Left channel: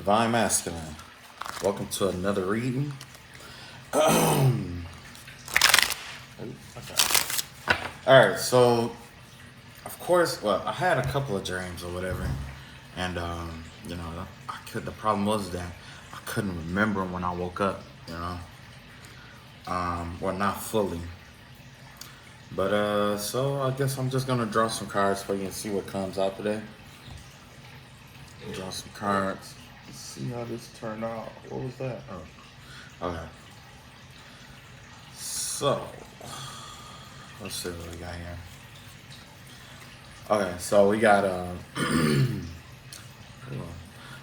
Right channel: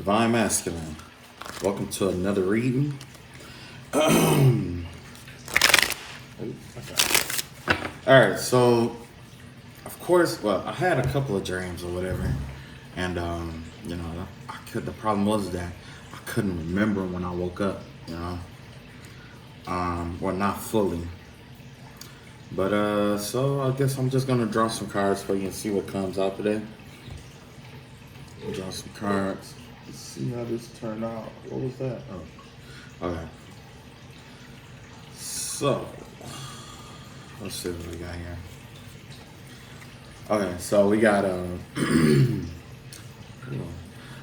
Divine Masculine. Welcome to another reading. Alright, so of course, well, I had a couple of dreams or whatever, and the problem was that I couldn't remember when I woke up, or not fully. But so I guess I'm just gonna draw some cards for you and see what comes out today. Draw some cards. Let's see how this turned out. What was that? Oh, okay. So let's see what we got here. Okay, so we got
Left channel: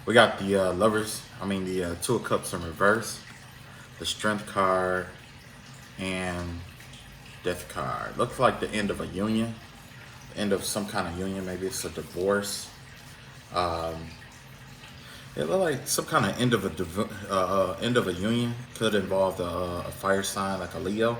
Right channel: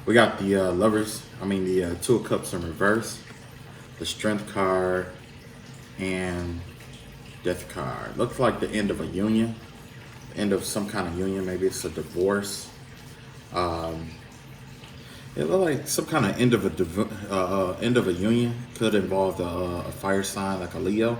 we got the lovers. The Two of Cups in reverse, the Strength card, and Death card. Looks like the end of a union, end of some kind of union. Maybe it's a divorce. It looked like some kind of end of a union. Could involve a fire sign like a Leo,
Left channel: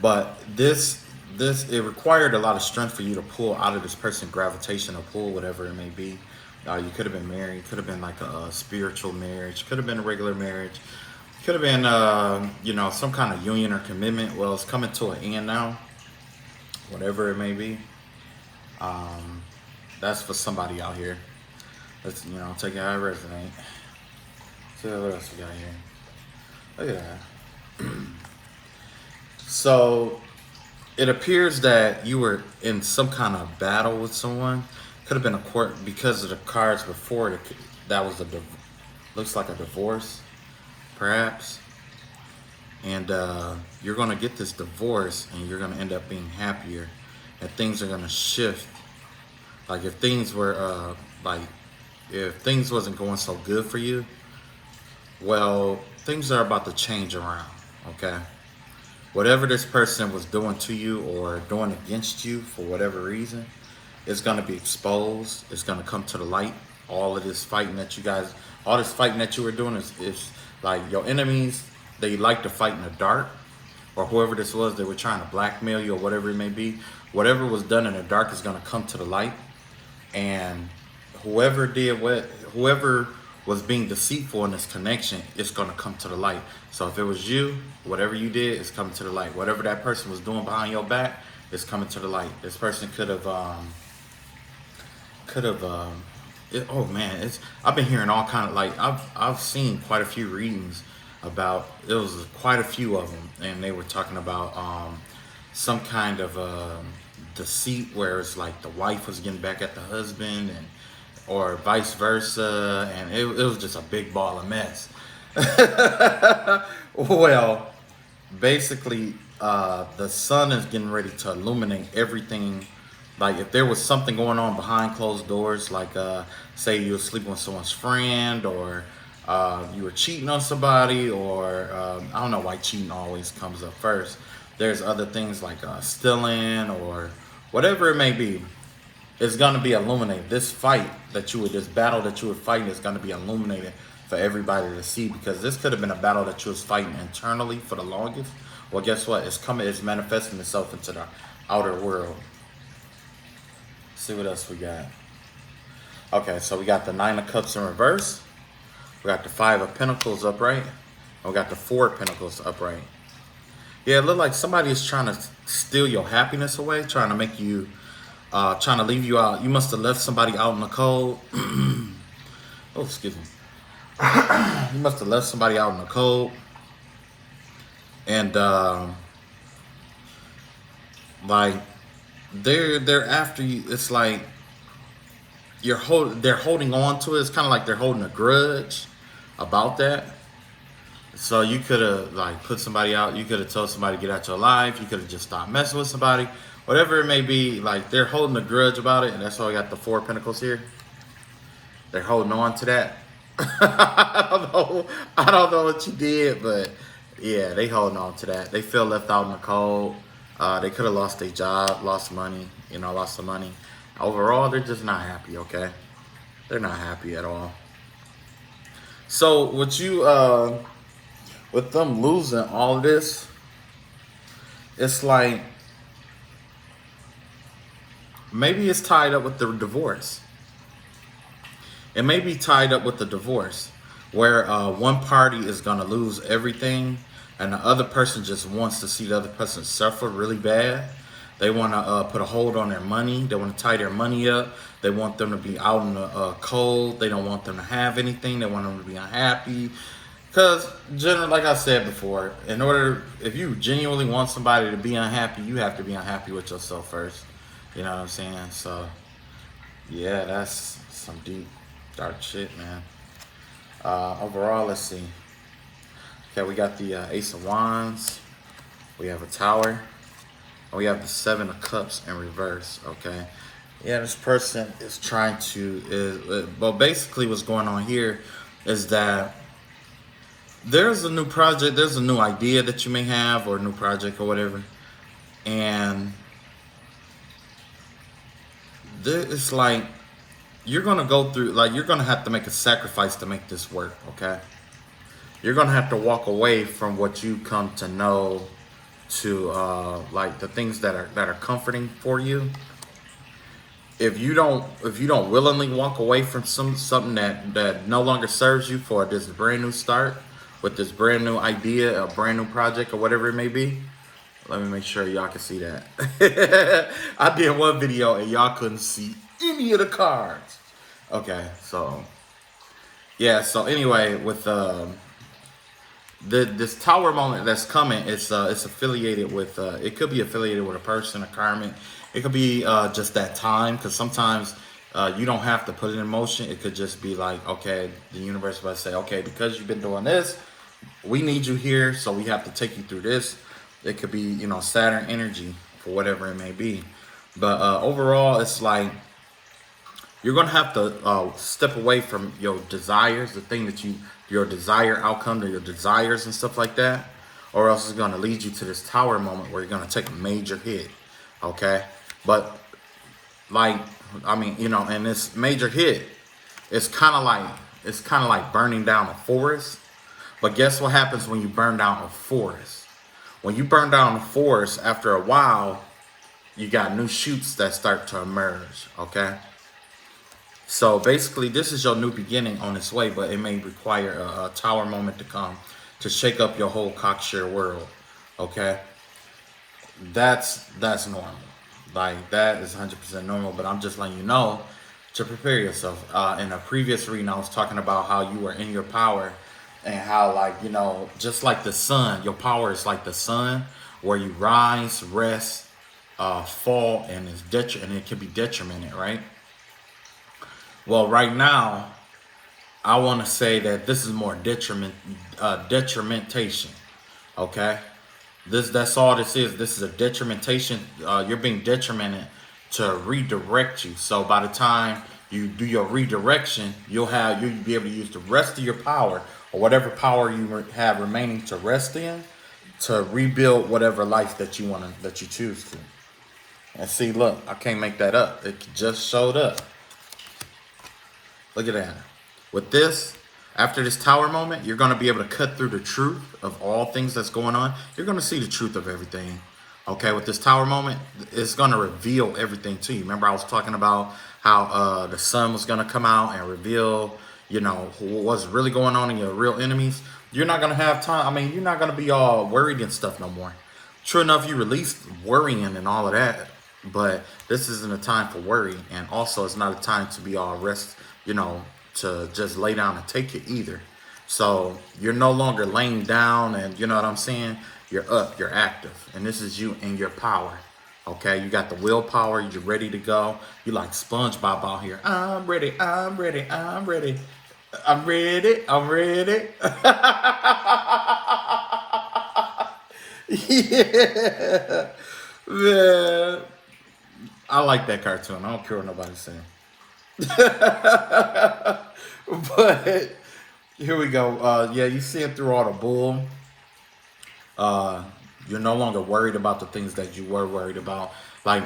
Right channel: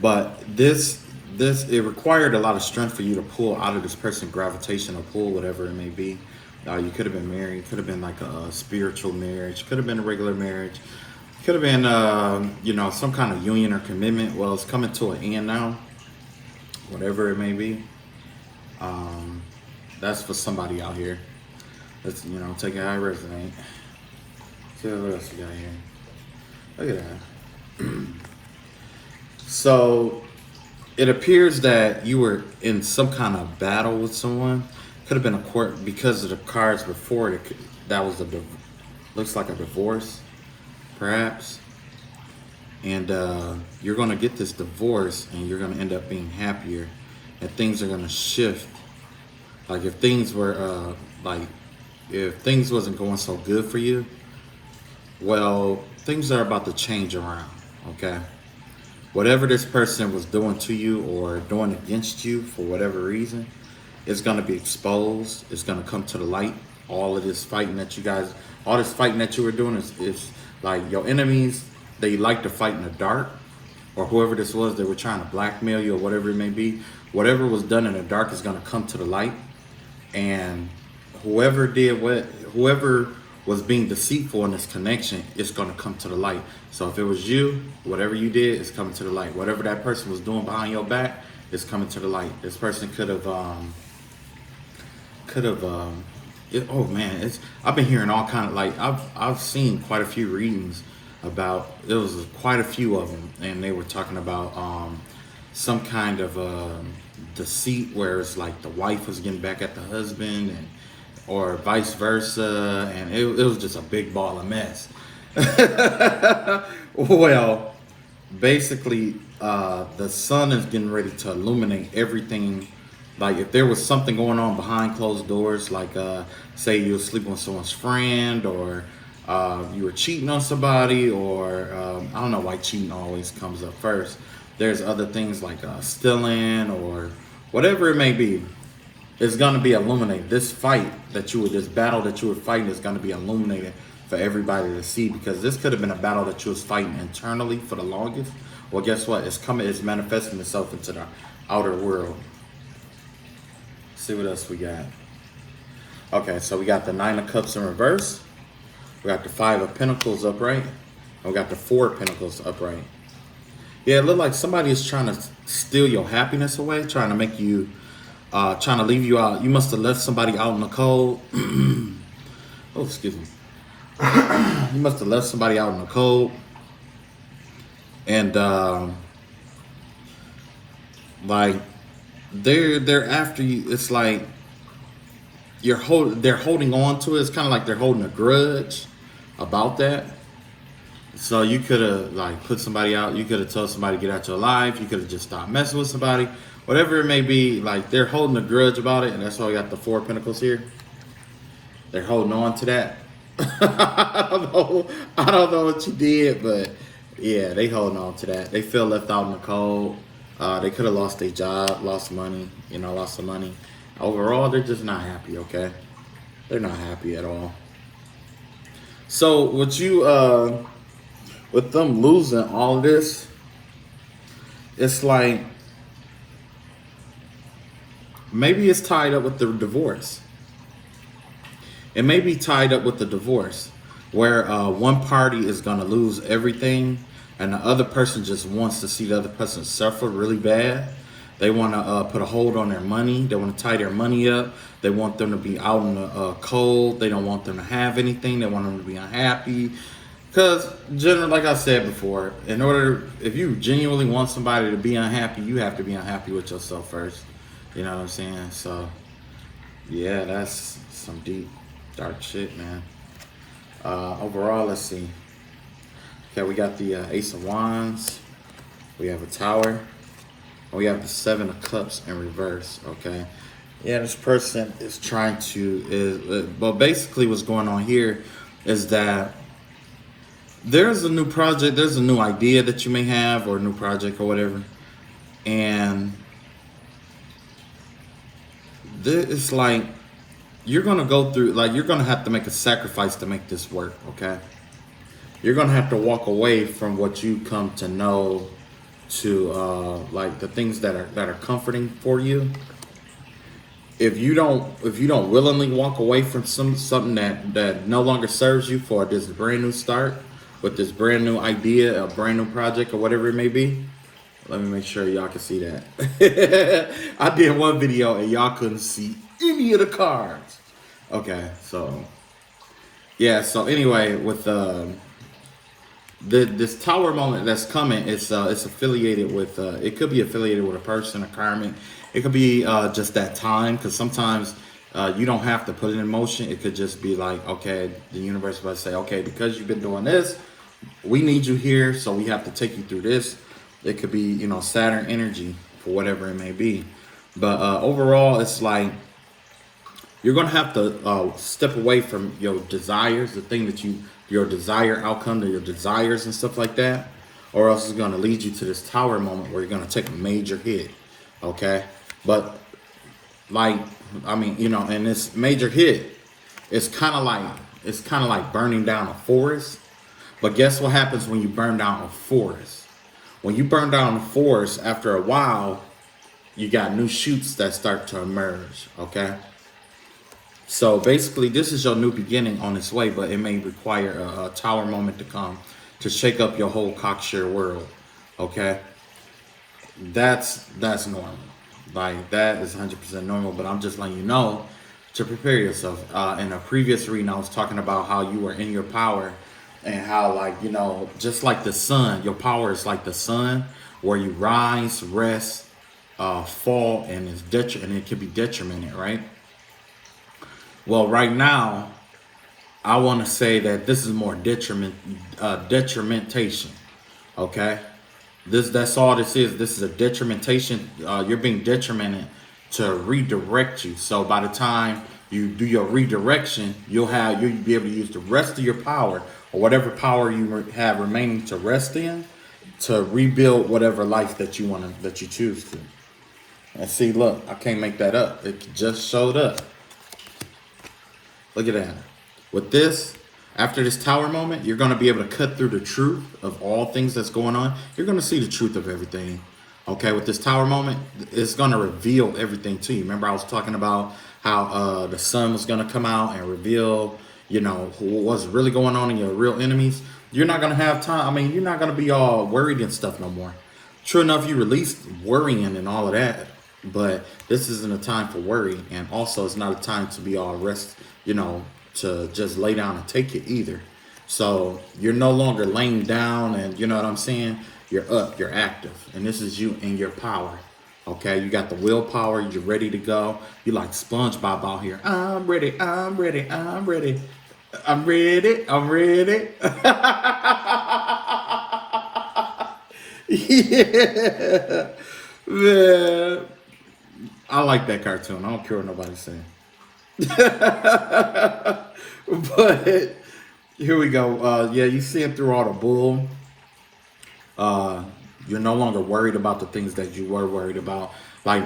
but this it required a lot of strength for you to pull out of this person's gravitational pull, whatever it may be. You could have been married. Could have been like a spiritual marriage. Could have been a regular marriage. Could have been some kind of union or commitment. Well, it's coming to an end now. Whatever it may be. That's for somebody out here. Let's take it how it resonate. See what else we got here. Look at that. So it appears that you were in some kind of battle with someone. Could have been a court because of the cards before it. That was looks like a divorce, perhaps. And you're gonna get this divorce, and you're gonna end up being happier, and things are gonna shift. Like if things were if things wasn't going so good for you, well, things are about to change around, okay? Whatever this person was doing to you or doing against you for whatever reason, it's going to be exposed. It's going to come to the light. All this fighting that you were doing is like your enemies, they like to fight in the dark, or whoever this was, they were trying to blackmail you or whatever it may be. Whatever was done in the dark is going to come to the light, and whoever was being deceitful in this connection, it's going to come to the light. So if it was you, whatever you did is coming to the light. Whatever that person was doing behind your back is coming to the light. This person I've been hearing all kind of I've seen quite a few readings about, it was quite a few of them, and they were talking about some kind of deceit where it's like the wife was getting back at the husband, or vice versa, and it was just a big ball of mess. Well, basically, the sun is getting ready to illuminate everything. Like if there was something going on behind closed doors, like say you were sleeping with someone's friend, or you were cheating on somebody, or I don't know why cheating always comes up first. There's other things like stealing or whatever it may be. It's going to be illuminated. This battle that you were fighting is going to be illuminated for everybody to see, because this could have been a battle that you was fighting internally for the longest. Well, guess what? It's manifesting itself into the outer world. Let's see what else we got. Okay, so we got the Nine of Cups in reverse. We got the Five of Pentacles upright. And we got the Four of Pentacles upright. Yeah, it looked like somebody is trying to steal your happiness away, trying to make you trying to leave you out. You must have left somebody out in the cold. Oh, excuse me. You must have left somebody out in the cold, and they're after you. It's like they're holding on to it. It's kind of like they're holding a grudge about that. So you could have put somebody out. You could have told somebody to get out your life. You could have just stopped messing with somebody. Whatever it may be, they're holding a grudge about it, and that's why I got the Four of Pentacles here. They're holding on to that. I don't know what you did, but yeah, they holding on to that. They feel left out in the cold. They could have lost their job, lost money, lost some money. Overall, they're just not happy, okay? They're not happy at all. So with them losing all of this, it's like, maybe it's tied up with the divorce. It may be tied up with the divorce, where one party is going to lose everything, and the other person just wants to see the other person suffer really bad. They want to put a hold on their money. They want to tie their money up. They want them to be out in the cold. They don't want them to have anything. They want them to be unhappy. Because, like I said before, if you genuinely want somebody to be unhappy, you have to be unhappy with yourself first. You know what I'm saying? So, yeah, that's some deep, dark shit, man. Overall, let's see. Okay, we got the Ace of Wands. We have a Tower. We have the Seven of Cups in reverse, okay? Yeah, this person is trying to, well, basically what's going on here is that there's a new project, there's a new idea that you may have, or a new project or whatever. And it's like, you're going to go through, like, you're going to have to make a sacrifice to make this work, okay? You're going to have to walk away from what you come to know to like the things that are comforting for you. If you don't willingly walk away from something that no longer serves you for this brand new start, with this brand new idea, a brand new project, or whatever it may be. Let me make sure y'all can see that. I did one video and y'all couldn't see any of the cards. Okay, so yeah, so anyway, with this Tower moment that's coming, it's affiliated with it could be affiliated with a person, a karmic. It could be just that time, because sometimes you don't have to put it in motion. It could just be like, okay, the universe will say, okay, because you've been doing this, we need you here, so we have to take you through this. It could be, you know, Saturn energy for whatever it may be. But overall, it's like you're gonna have to step away from your desires, the thing that your desired outcome, to your desires and stuff like that, or else it's gonna lead you to this Tower moment where you're gonna take a major hit. Okay, but like, I mean, you know, and this major hit, it's kind of like burning down a forest. But guess what happens when you burn down a forest? When you burn down a forest, after a while, you got new shoots that start to emerge. Okay. So basically, this is your new beginning on its way, but it may require a Tower moment to come to shake up your whole cocksure world. Okay, that's normal. Like, that is 100% normal. But I'm just letting you know to prepare yourself. In a previous reading, I was talking about how you were in your power, and how, like, you know, just like the sun, your power is like the sun, where you rise, rest, fall, and it can be detrimented, right? Well, right now, I want to say that this is more detrimentation. Okay, that's all this is. This is a detrimentation. You're being detrimented to redirect you. So by the time you do your redirection, you'll be able to use the rest of your power, or whatever power you have remaining to rest in, to rebuild whatever life that you choose to. And see, look, I can't make that up. It just showed up. Look at that. With this, after this Tower moment, you're going to be able to cut through the truth of all things that's going on. You're going to see the truth of everything. Okay, with this Tower moment, it's going to reveal everything to you. Remember, I was talking about how the sun was going to come out and reveal, you know, what's really going on in your real enemies. You're not going to have time. I mean, you're not going to be all worried and stuff no more. True enough, you released worrying and all of that. But this isn't a time for worry. And also, it's not a time to be all you know, to just lay down and take it either. So you're no longer laying down, and you know what I'm saying? You're up, you're active. And this is you in your power. Okay, you got the willpower, you're ready to go. You like SpongeBob out here. I'm ready, I'm ready, I'm ready. I'm ready, I'm ready. Yeah. Man. I like that cartoon. I don't care what nobody's saying. But here we go. Yeah, you see it through all the bull. You're no longer worried about the things that you were worried about. Like,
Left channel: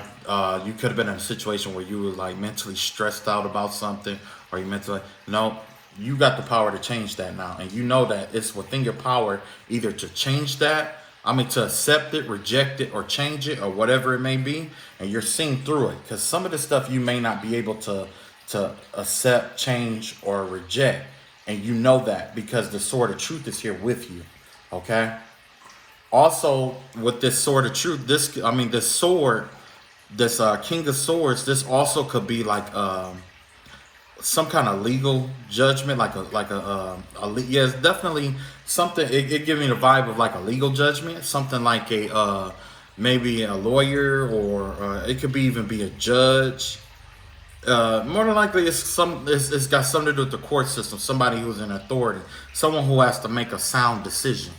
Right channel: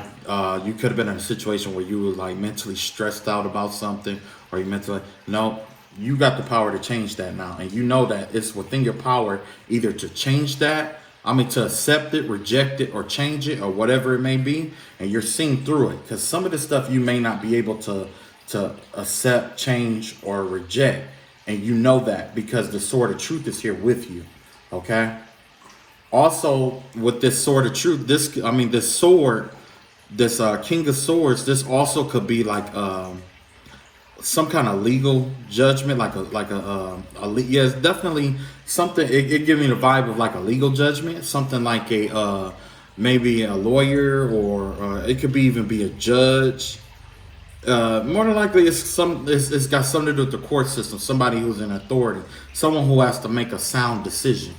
you could have been in a situation where you were like mentally stressed out about something, or you mentally, no, you got the power to change that now. And you know that it's within your power either to change that, to accept it, reject it, or change it, or whatever it may be. And you're seeing through it, because some of the stuff you may not be able to to accept, change, or reject. And you know that because the sword of truth is here with you. Okay? Also, with this sword of truth, this sword, this King of Swords, this also could be like some kind of legal judgment, yeah, it's definitely something. It gives me the vibe of like a legal judgment, something like a maybe a lawyer, or it could be even be a judge. More than likely, it's got something to do with the court system. Somebody who's in authority, someone who has to make a sound decision,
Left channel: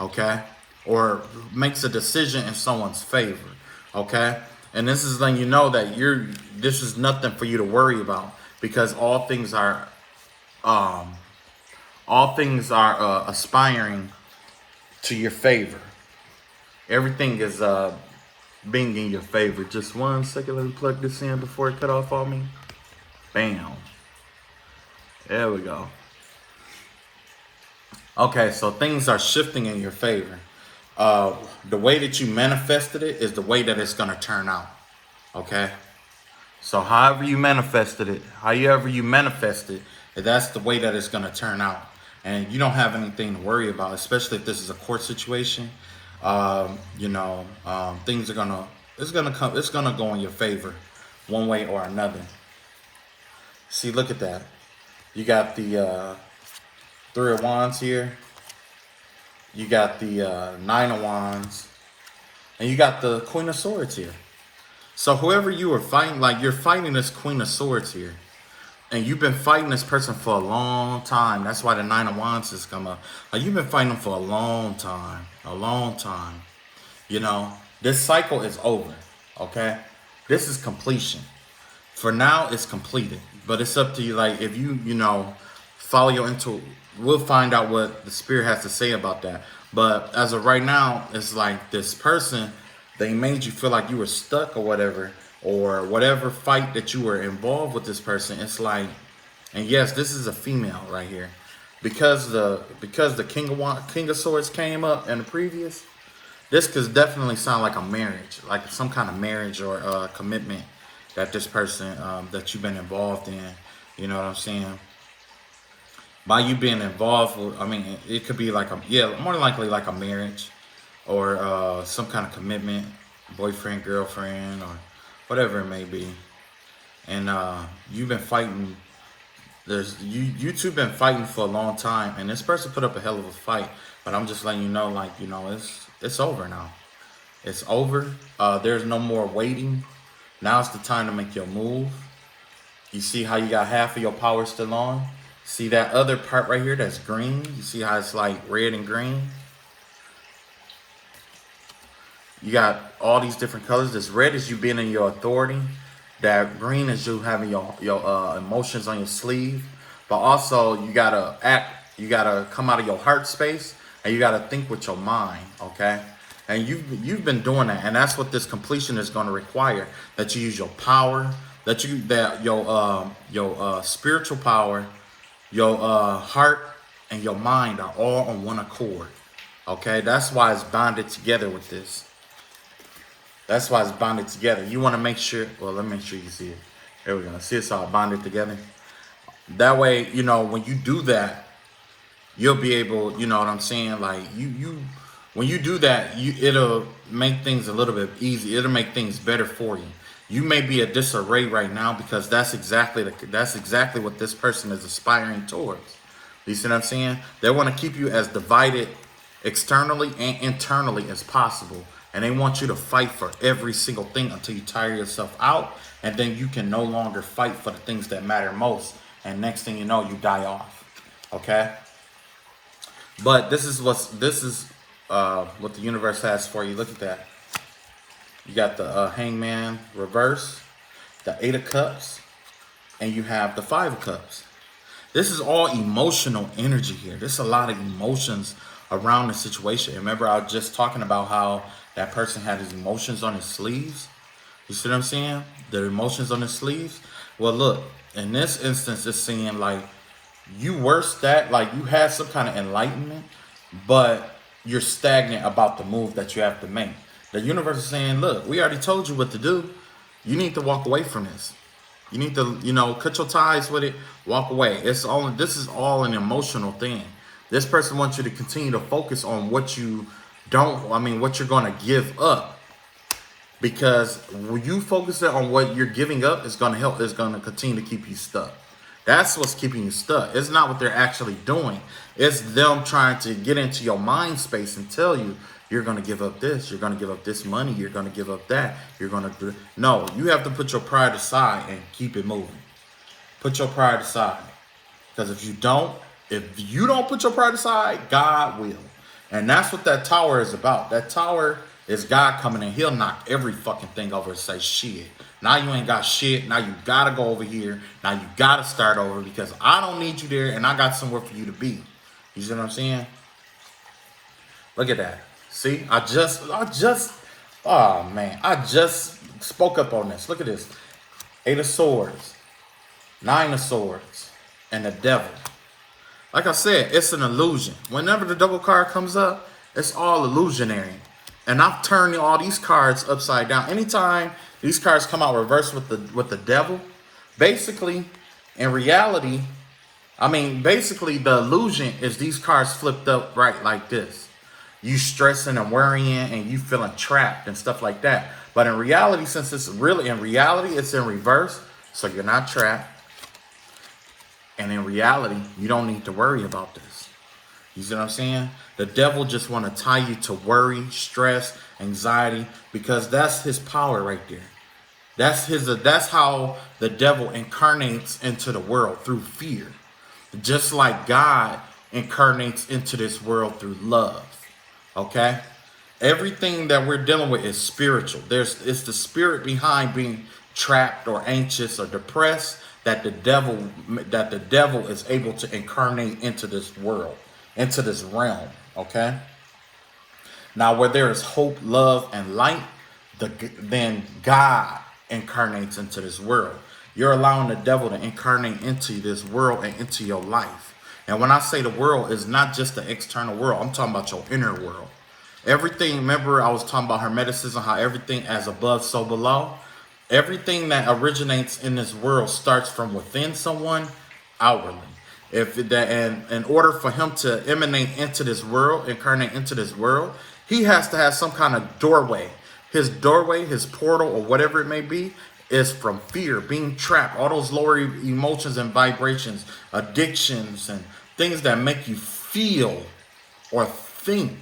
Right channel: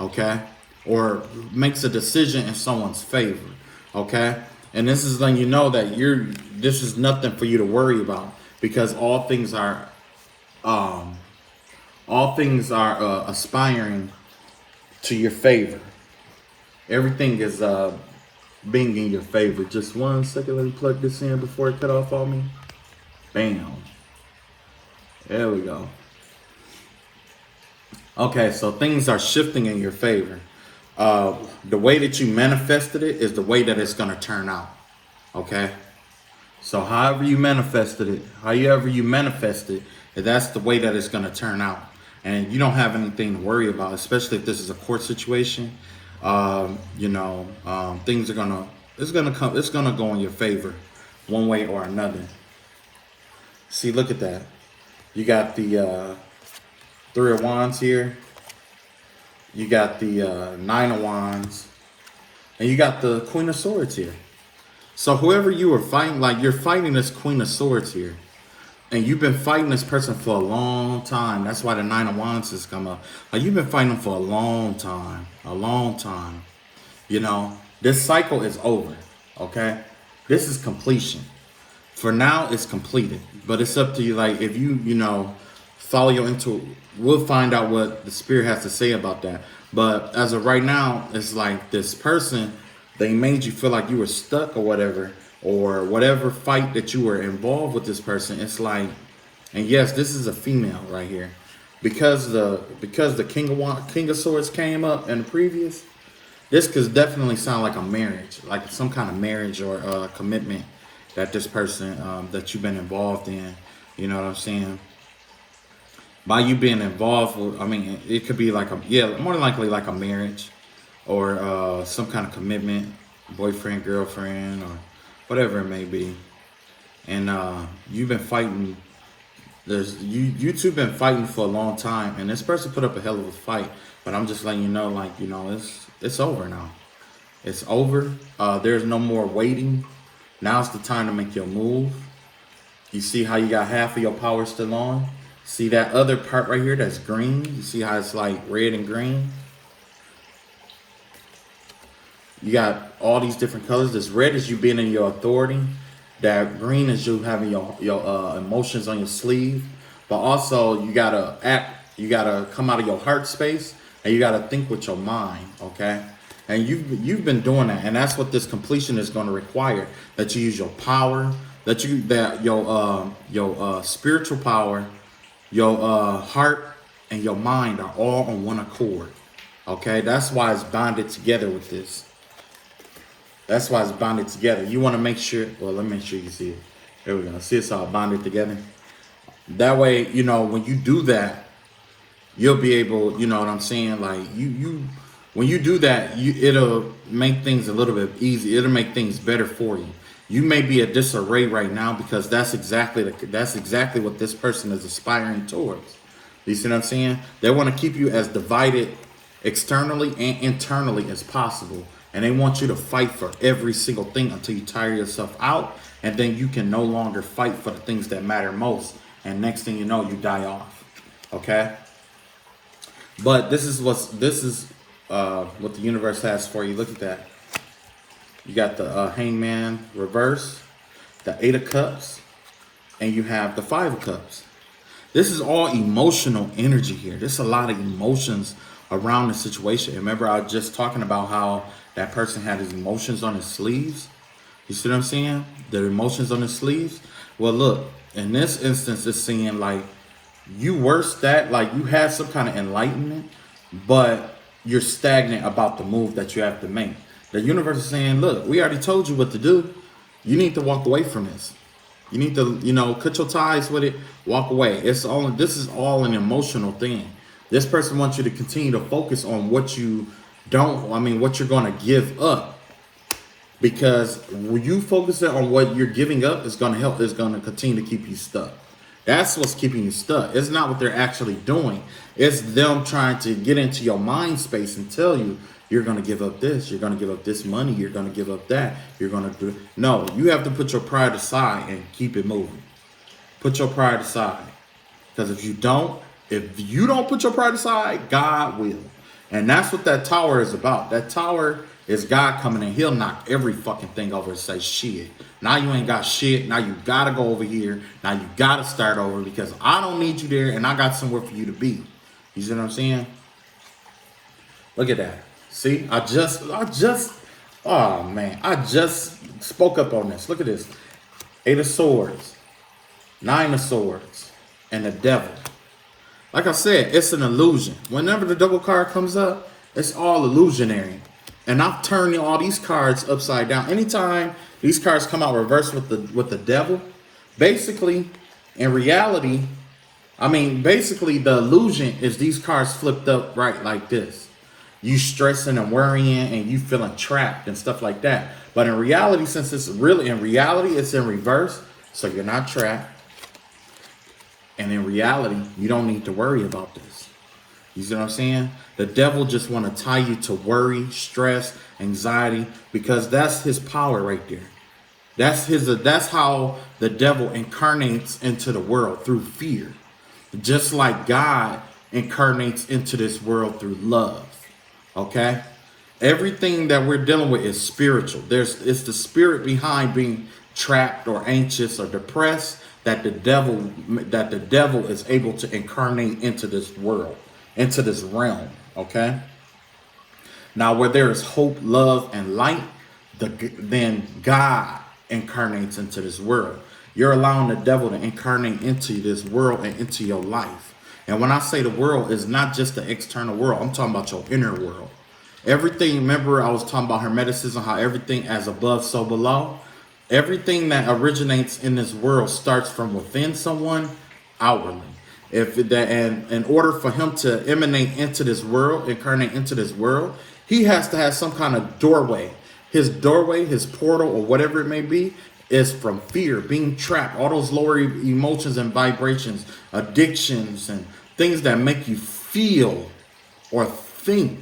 okay, or makes a decision in someone's favor, okay. And this is letting you know that this is nothing for you to worry about, because all things are aspiring to your favor. Everything is being in your favor. Just 1 second, let me plug this in before it cut off on me. Bam. There we go. Okay, so things are shifting in your favor. The way that you manifested it is the way that it's going to turn out. Okay? So however you manifest it, that's the way that it's going to turn out. And you don't have anything to worry about, especially if this is a court situation. Things are it's gonna go in your favor one way or another. See, look at that. You got the 3 of Wands here. You got the 9 of Wands. And you got the Queen of Swords here. So whoever you are fighting, like you're fighting this Queen of Swords here. And you've been fighting this person for a long time. That's why the 9 of Wands has come up. Like you've been fighting them for a long time. You know, this cycle is over, okay? This is completion. For now, it's completed. But it's up to you. Like, if you follow your intuition, we'll find out what the Spirit has to say about that. But as of right now, it's like this person, they made you feel like you were stuck or whatever fight that you were involved with this person. It's like, and yes, this is a female right here. Because the King of Swords came up in the previous, this could definitely sound like a marriage, like some kind of marriage or commitment that this person that you've been involved in. You know what I'm saying? By you being involved, it could be like more than likely like a marriage or some kind of commitment, boyfriend, girlfriend, or whatever it may be. And you've been fighting. You two been fighting for a long time, and this person put up a hell of a fight. But I'm just letting you know, it's over now. It's over. There's no more waiting. Now's the time to make your move. You see how you got half of your power still on? See that other part right here that's green? You see how it's like red and green? You got all these different colors. This red is you being in your authority. That green is you having your emotions on your sleeve. But also you gotta act. You gotta come out of your heart space, and you gotta think with your mind. Okay. And you've been doing that, and that's what this completion is going to require. That you use your power, your spiritual power, your heart, and your mind are all on one accord. Okay, that's why it's bonded together with this. That's why it's bonded together. You want to make sure. Well, let me make sure you see it. There we go. See, it's all bonded together. That way, when you do that, you'll be able. You know what I'm saying? Like when you do that, it'll make things a little bit easy. It'll make things better for you. You may be a disarray right now because that's exactly what this person is aspiring towards. You see what I'm saying? They want to keep you as divided externally and internally as possible. And they want you to fight for every single thing until you tire yourself out. And then you can no longer fight for the things that matter most. And next thing you know, you die off. Okay? But this is what the universe has for you. Look at that. You got the Hangman reverse, the 8 of Cups, and you have the 5 of Cups. This is all emotional energy here. There's a lot of emotions around the situation. Remember, I was just talking about how that person had his emotions on his sleeves. You see what I'm saying? The emotions on his sleeves. Well, look, in this instance, it's saying like you you had some kind of enlightenment, but you're stagnant about the move that you have to make. The universe is saying, look, we already told you what to do. You need to walk away from this. You need to, cut your ties with it, walk away. This is all an emotional thing. This person wants you to continue to focus on what what you're going to give up. Because when you focus on what you're giving up, it's going to continue to keep you stuck. That's what's keeping you stuck. It's not what they're actually doing. It's them trying to get into your mind space and tell you, you're going to give up this. You're going to give up this money. You're going to give up that. You're going to do. No, you have to put your pride aside and keep it moving. Put your pride aside. Because if you don't put your pride aside, God will. And that's what that tower is about. That tower is God coming in. He'll knock every fucking thing over and say, shit. Now you ain't got shit. Now you got to go over here. Now you got to start over because I don't need you there and I got somewhere for you to be. You see what I'm saying? Look at that. See, I just spoke up on this. Look at this. 8 of Swords, 9 of Swords, and the Devil. Like I said, it's an illusion. Whenever the Devil card comes up, it's all illusionary. And I've turned all these cards upside down. Anytime these cards come out reversed with the Devil, basically, in reality, basically the illusion is these cards flipped up right like this. You stressing and worrying and you feeling trapped and stuff like that. But in reality, since it's really in reality, it's in reverse. So you're not trapped. And in reality, you don't need to worry about this. You see what I'm saying? The devil just want to tie you to worry, stress, anxiety, because that's his power right there. That's how the devil incarnates into the world, through fear. Just like God incarnates into this world through love. Okay? Everything that we're dealing with is spiritual. It's the spirit behind being trapped or anxious or depressed that the devil is able to incarnate into this world, into this realm. Okay? Now, where there is hope, love, and light, then God incarnates into this world. You're allowing the devil to incarnate into this world and into your life. And when I say the world, it's not just the external world. I'm talking about your inner world. Everything, remember I was talking about Hermeticism, how everything as above, so below. Everything that originates in this world starts from within someone outwardly. And in order for him to emanate into this world, incarnate into this world, he has to have some kind of doorway. His doorway, his portal, or whatever it may be, is from fear, being trapped, all those lower emotions and vibrations, addictions, and things that make you feel or think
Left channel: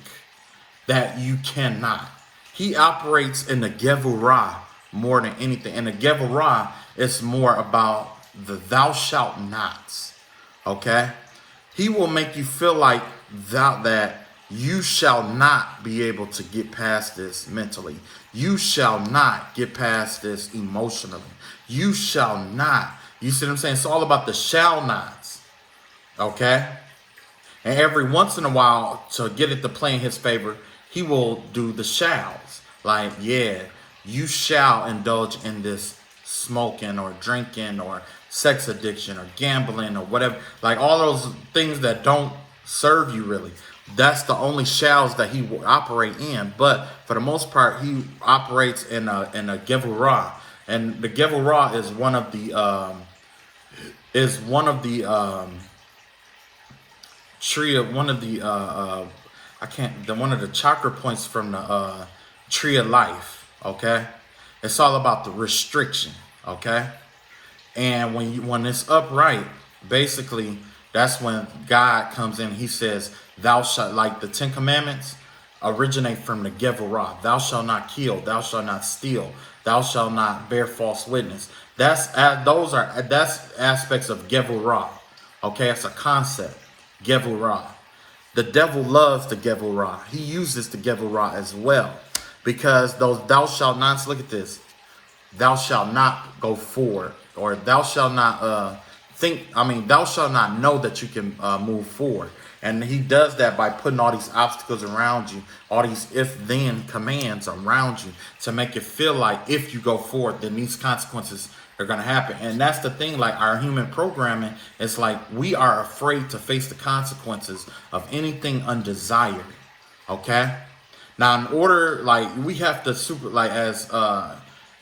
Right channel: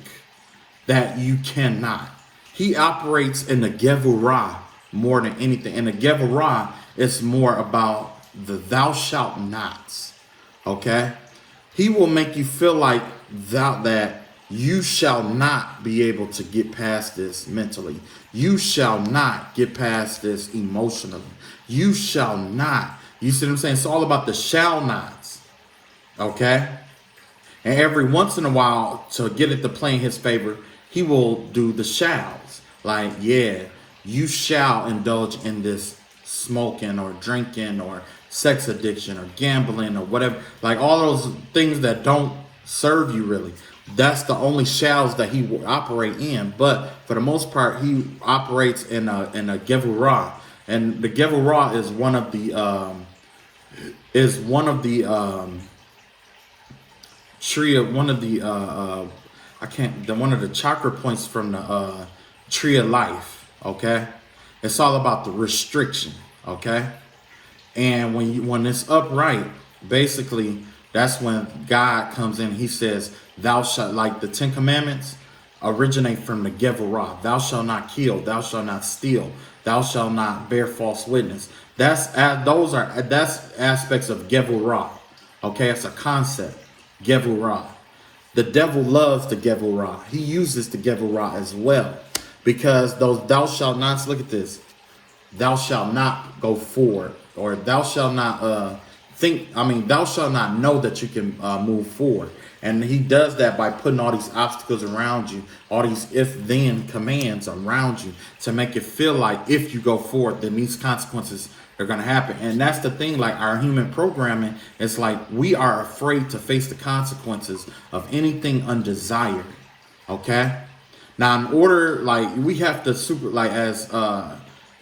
that you cannot. He operates in the Gevurah more than anything. And the Gevurah is more about the thou shalt nots. Okay? He will make you feel like that you shall not be able to get past this mentally. You shall not get past this emotionally. You shall not. You see what I'm saying? It's all about the shall nots. Okay? And every once in a while, to get it to play in his favor, he will do the shalls. Like, yeah, you shall indulge in this smoking or drinking or sex addiction or gambling or whatever. Like all those things that don't serve you really. That's the only shalls that he will operate in. But for the most part, he operates in a Gevurah. And the Gevurah is one of the one of the chakra points from the tree of life. Okay, it's all about the restriction. Okay, and when it's upright, basically that's when God comes in. He says, "Thou shalt," like the 10 Commandments originate from the Gevurah. Thou shalt not kill. Thou shalt not steal. Thou shalt not bear false witness. That's aspects of Gevurah. Okay, it's a concept. Gevurah. The devil loves the Gevurah. He uses the Gevurah as well. Because those thou shalt nots, look at this. Thou shalt not go forward. Or thou shalt not thou shalt not know that you can move forward. And he does that by putting all these obstacles around you, all these if-then commands around you to make it feel like if you go forward, then these consequences are going to happen. And that's the thing, like our human programming, it's like we are afraid to face the consequences of anything undesired. Okay? Now, in order, like, we have to as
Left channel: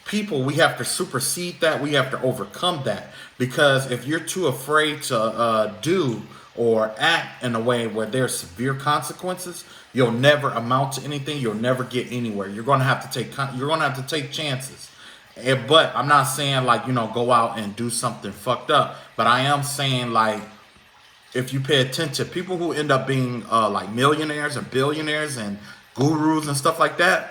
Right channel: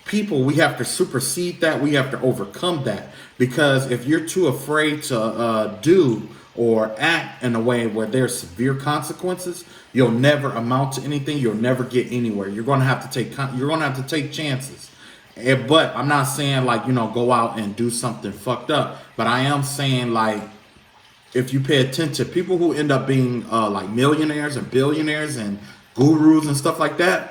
people, we have to supersede that. We have to overcome that, because if you're too afraid to do or act in a way where there's severe consequences, you'll never amount to anything. You'll never get anywhere. You're going to have to take chances. But I'm not saying like, go out and do something fucked up, but I am saying like, if you pay attention, people who end up being like millionaires and billionaires and gurus and stuff like that,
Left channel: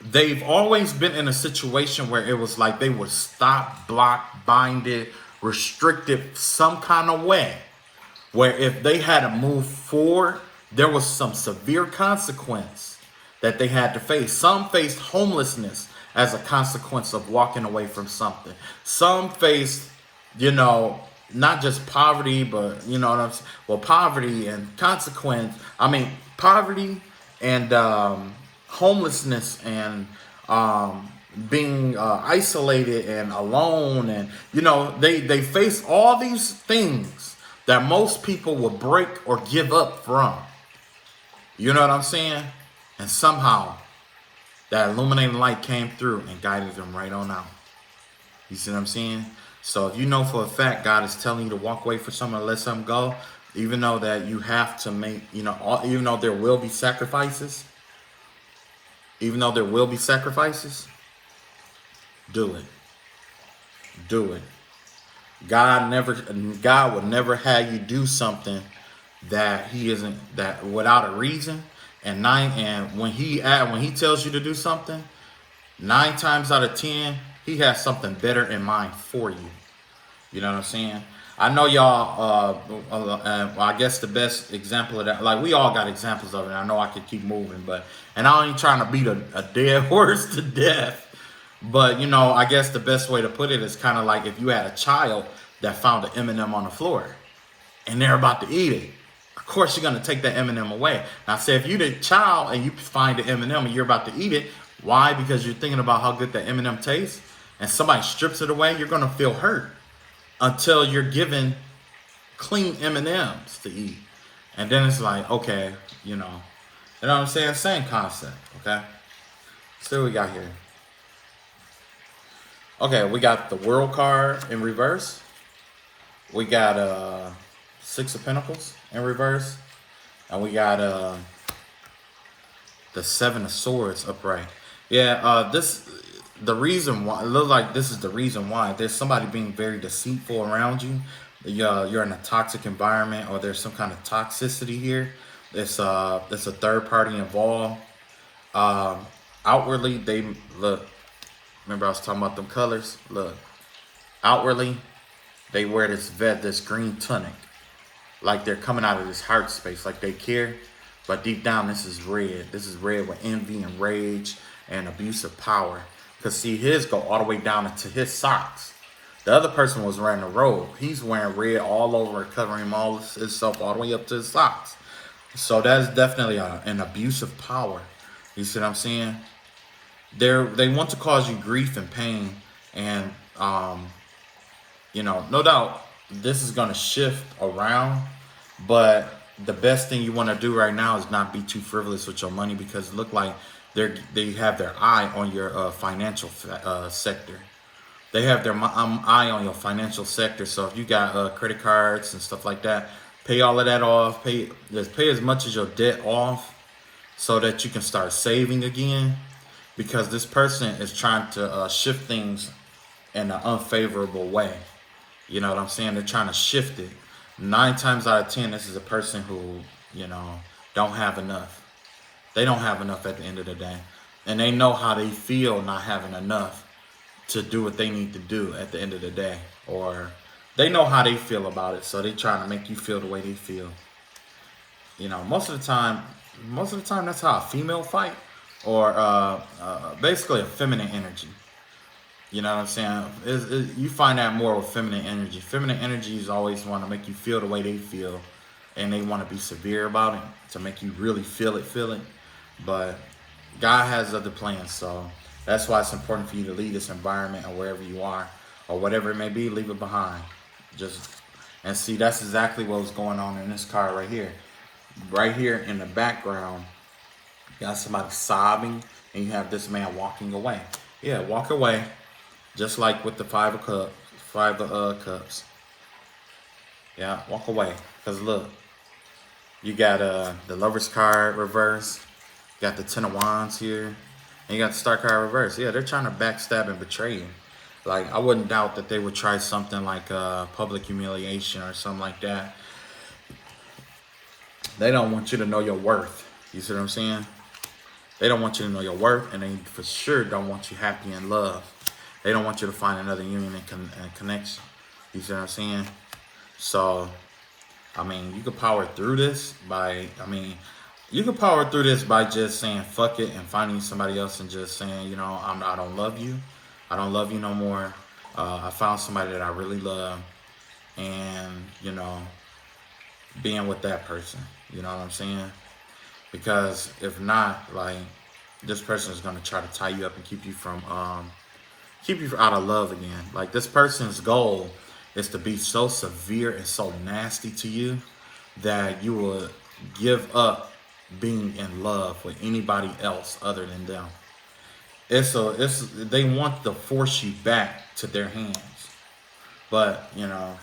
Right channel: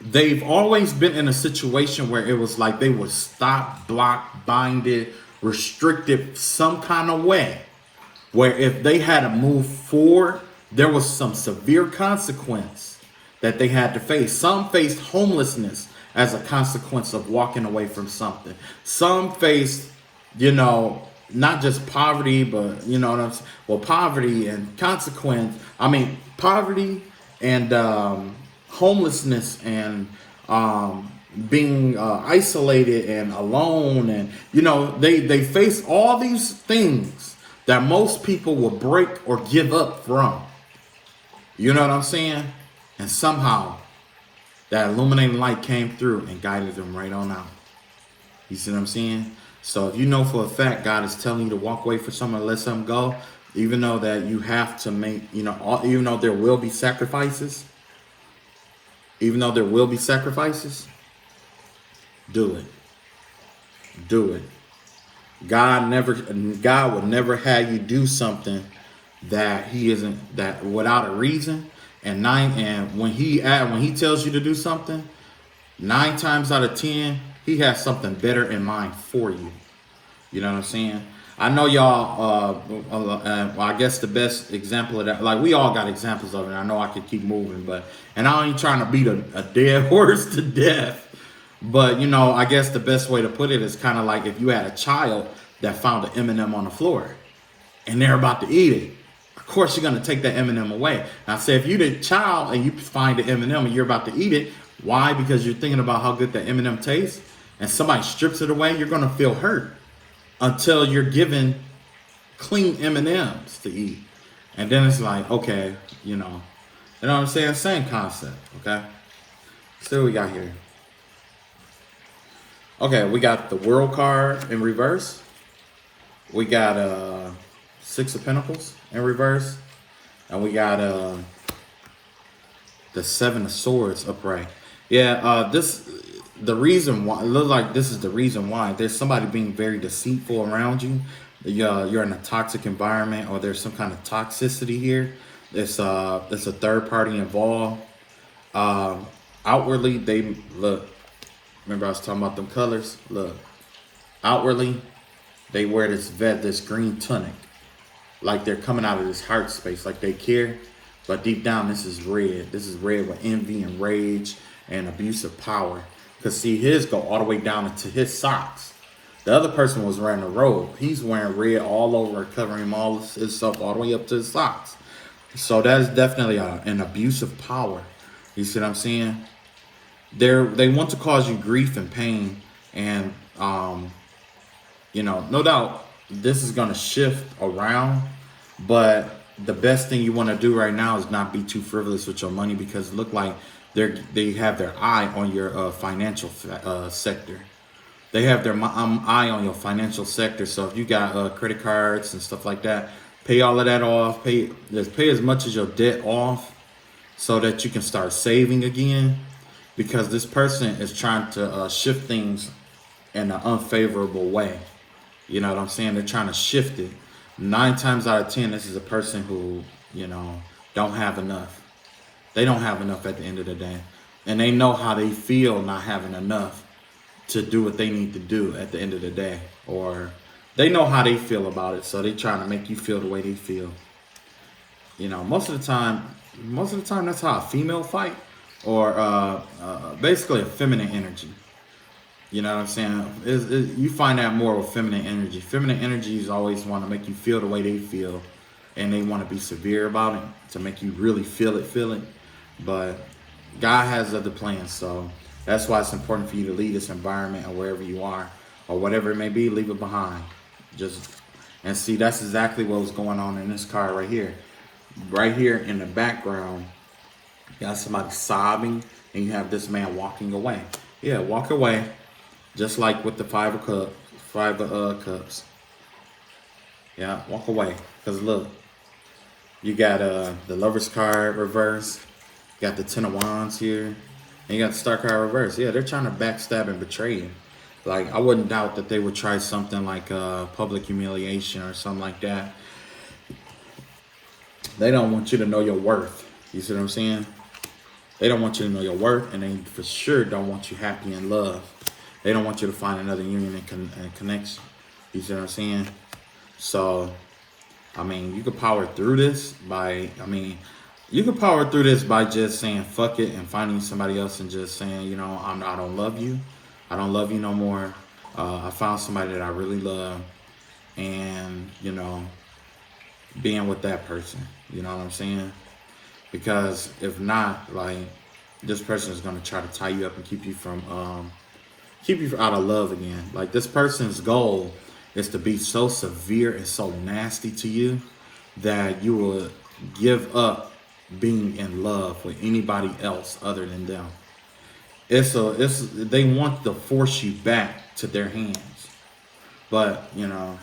they've always been in a situation where it was like they were stopped, blocked, binded, restricted some kind of way, where if they had to move forward, there was some severe consequence that they had to face. Some faced homelessness as a consequence of walking away from something. Some faced, not just poverty, but what I'm saying? Well, poverty and consequence. I mean, poverty and homelessness and being isolated and alone, and they face all these things that most people will break or give up from. You know what I'm saying? And somehow that illuminating light came through and guided them right on out. You see what I'm saying? So if you know for a fact God is telling you to walk away from someone, let something go, even though that you have to make, even though there will be sacrifices, do it. Do it. God will never have you do something that without a reason. And when he tells you to do something, 9 times out of 10, he has something better in mind for you. You know what I'm saying? I know y'all, I guess the best example of that, like we all got examples of it. I know I could keep moving, and I ain't trying to beat a dead horse to death. But, I guess the best way to put it is kind of like if you had a child that found an M&M on the floor and they're about to eat it. Of course, you're going to take that M&M away. Now, say if you're the child and you find the M&M and you're about to eat it, why? Because you're thinking about how good that M&M tastes, and somebody strips it away, you're going to feel hurt until you're given clean M&Ms to eat. And then it's like, okay, you know what I'm saying? Same concept, okay? So what we got here. Okay, we got the World card in reverse. We got 6 of Pentacles in reverse. And we got the 7 of Swords upright. Yeah, the reason why, it looks like this is the reason why. There's somebody being very deceitful around you. You're in a toxic environment, or there's some kind of toxicity here. It's a third party involved. Outwardly, they look. Remember I was talking about them colors? Look. Outwardly, they wear this green tunic. Like they're coming out of this heart space, like they care. But deep down, this is red. This is red with envy and rage and abuse of power. Because see, his go all the way down into his socks. The other person was wearing a robe. He's wearing red all over, covering all of himself all the way up to his socks. So that is definitely an abuse of power. You see what I'm saying? They want to cause you grief and pain. And, no doubt this is going to shift around. But the best thing you want to do right now is not be too frivolous with your money, because it look like they have their eye on your financial sector. They have their eye on your financial sector. So if you got credit cards and stuff like that, pay all of that off. Pay as much as your debt off so that you can start saving again. Because this person is trying to shift things in an unfavorable way. You know what I'm saying? They're trying to shift it. 9 times out of 10, this is a person who, don't have enough. They don't have enough at the end of the day. And they know how they feel not having enough to do what they need to do at the end of the day. Or they know how they feel about it, so they trying to make you feel the way they feel. Most of the time that's how a female fight, or basically a feminine energy. You know what I'm saying? You find that more with feminine energy. Feminine energies always want to make you feel the way they feel, and they want to be severe about it to make you really feel it. But God has other plans, so that's why it's important for you to leave this environment, or wherever you are, or whatever it may be, leave it behind. And see, that's exactly what was going on in this card right here. Right here in the background, you got somebody sobbing, and you have this man walking away. Yeah, walk away. Just like with the five of cups. Yeah, walk away. Cause look, you got the Lover's card reverse. You got the Ten of Wands here, and you got the Star card reverse. Yeah, they're trying to backstab and betray you. Like I wouldn't doubt that they would try something like public humiliation or something like that. They don't want you to know your worth. You see what I'm saying? They don't want you to know your worth, and they for sure don't want you happy in love. They don't want you to find another union and connection. You see what I'm saying? So, I mean, you could power through this you could power through this by just saying fuck it and finding somebody else and just saying, you know, I don't love you. I don't love you no more. I found somebody that I really love, and you know, being with that person. You know what I'm saying? Because if not, like this person is gonna try to tie you up and keep you out of love again. Like this person's goal is to be so severe and so nasty to you that you will give up being in love with anybody else other than them. They want to force you back to their hands. But, you know,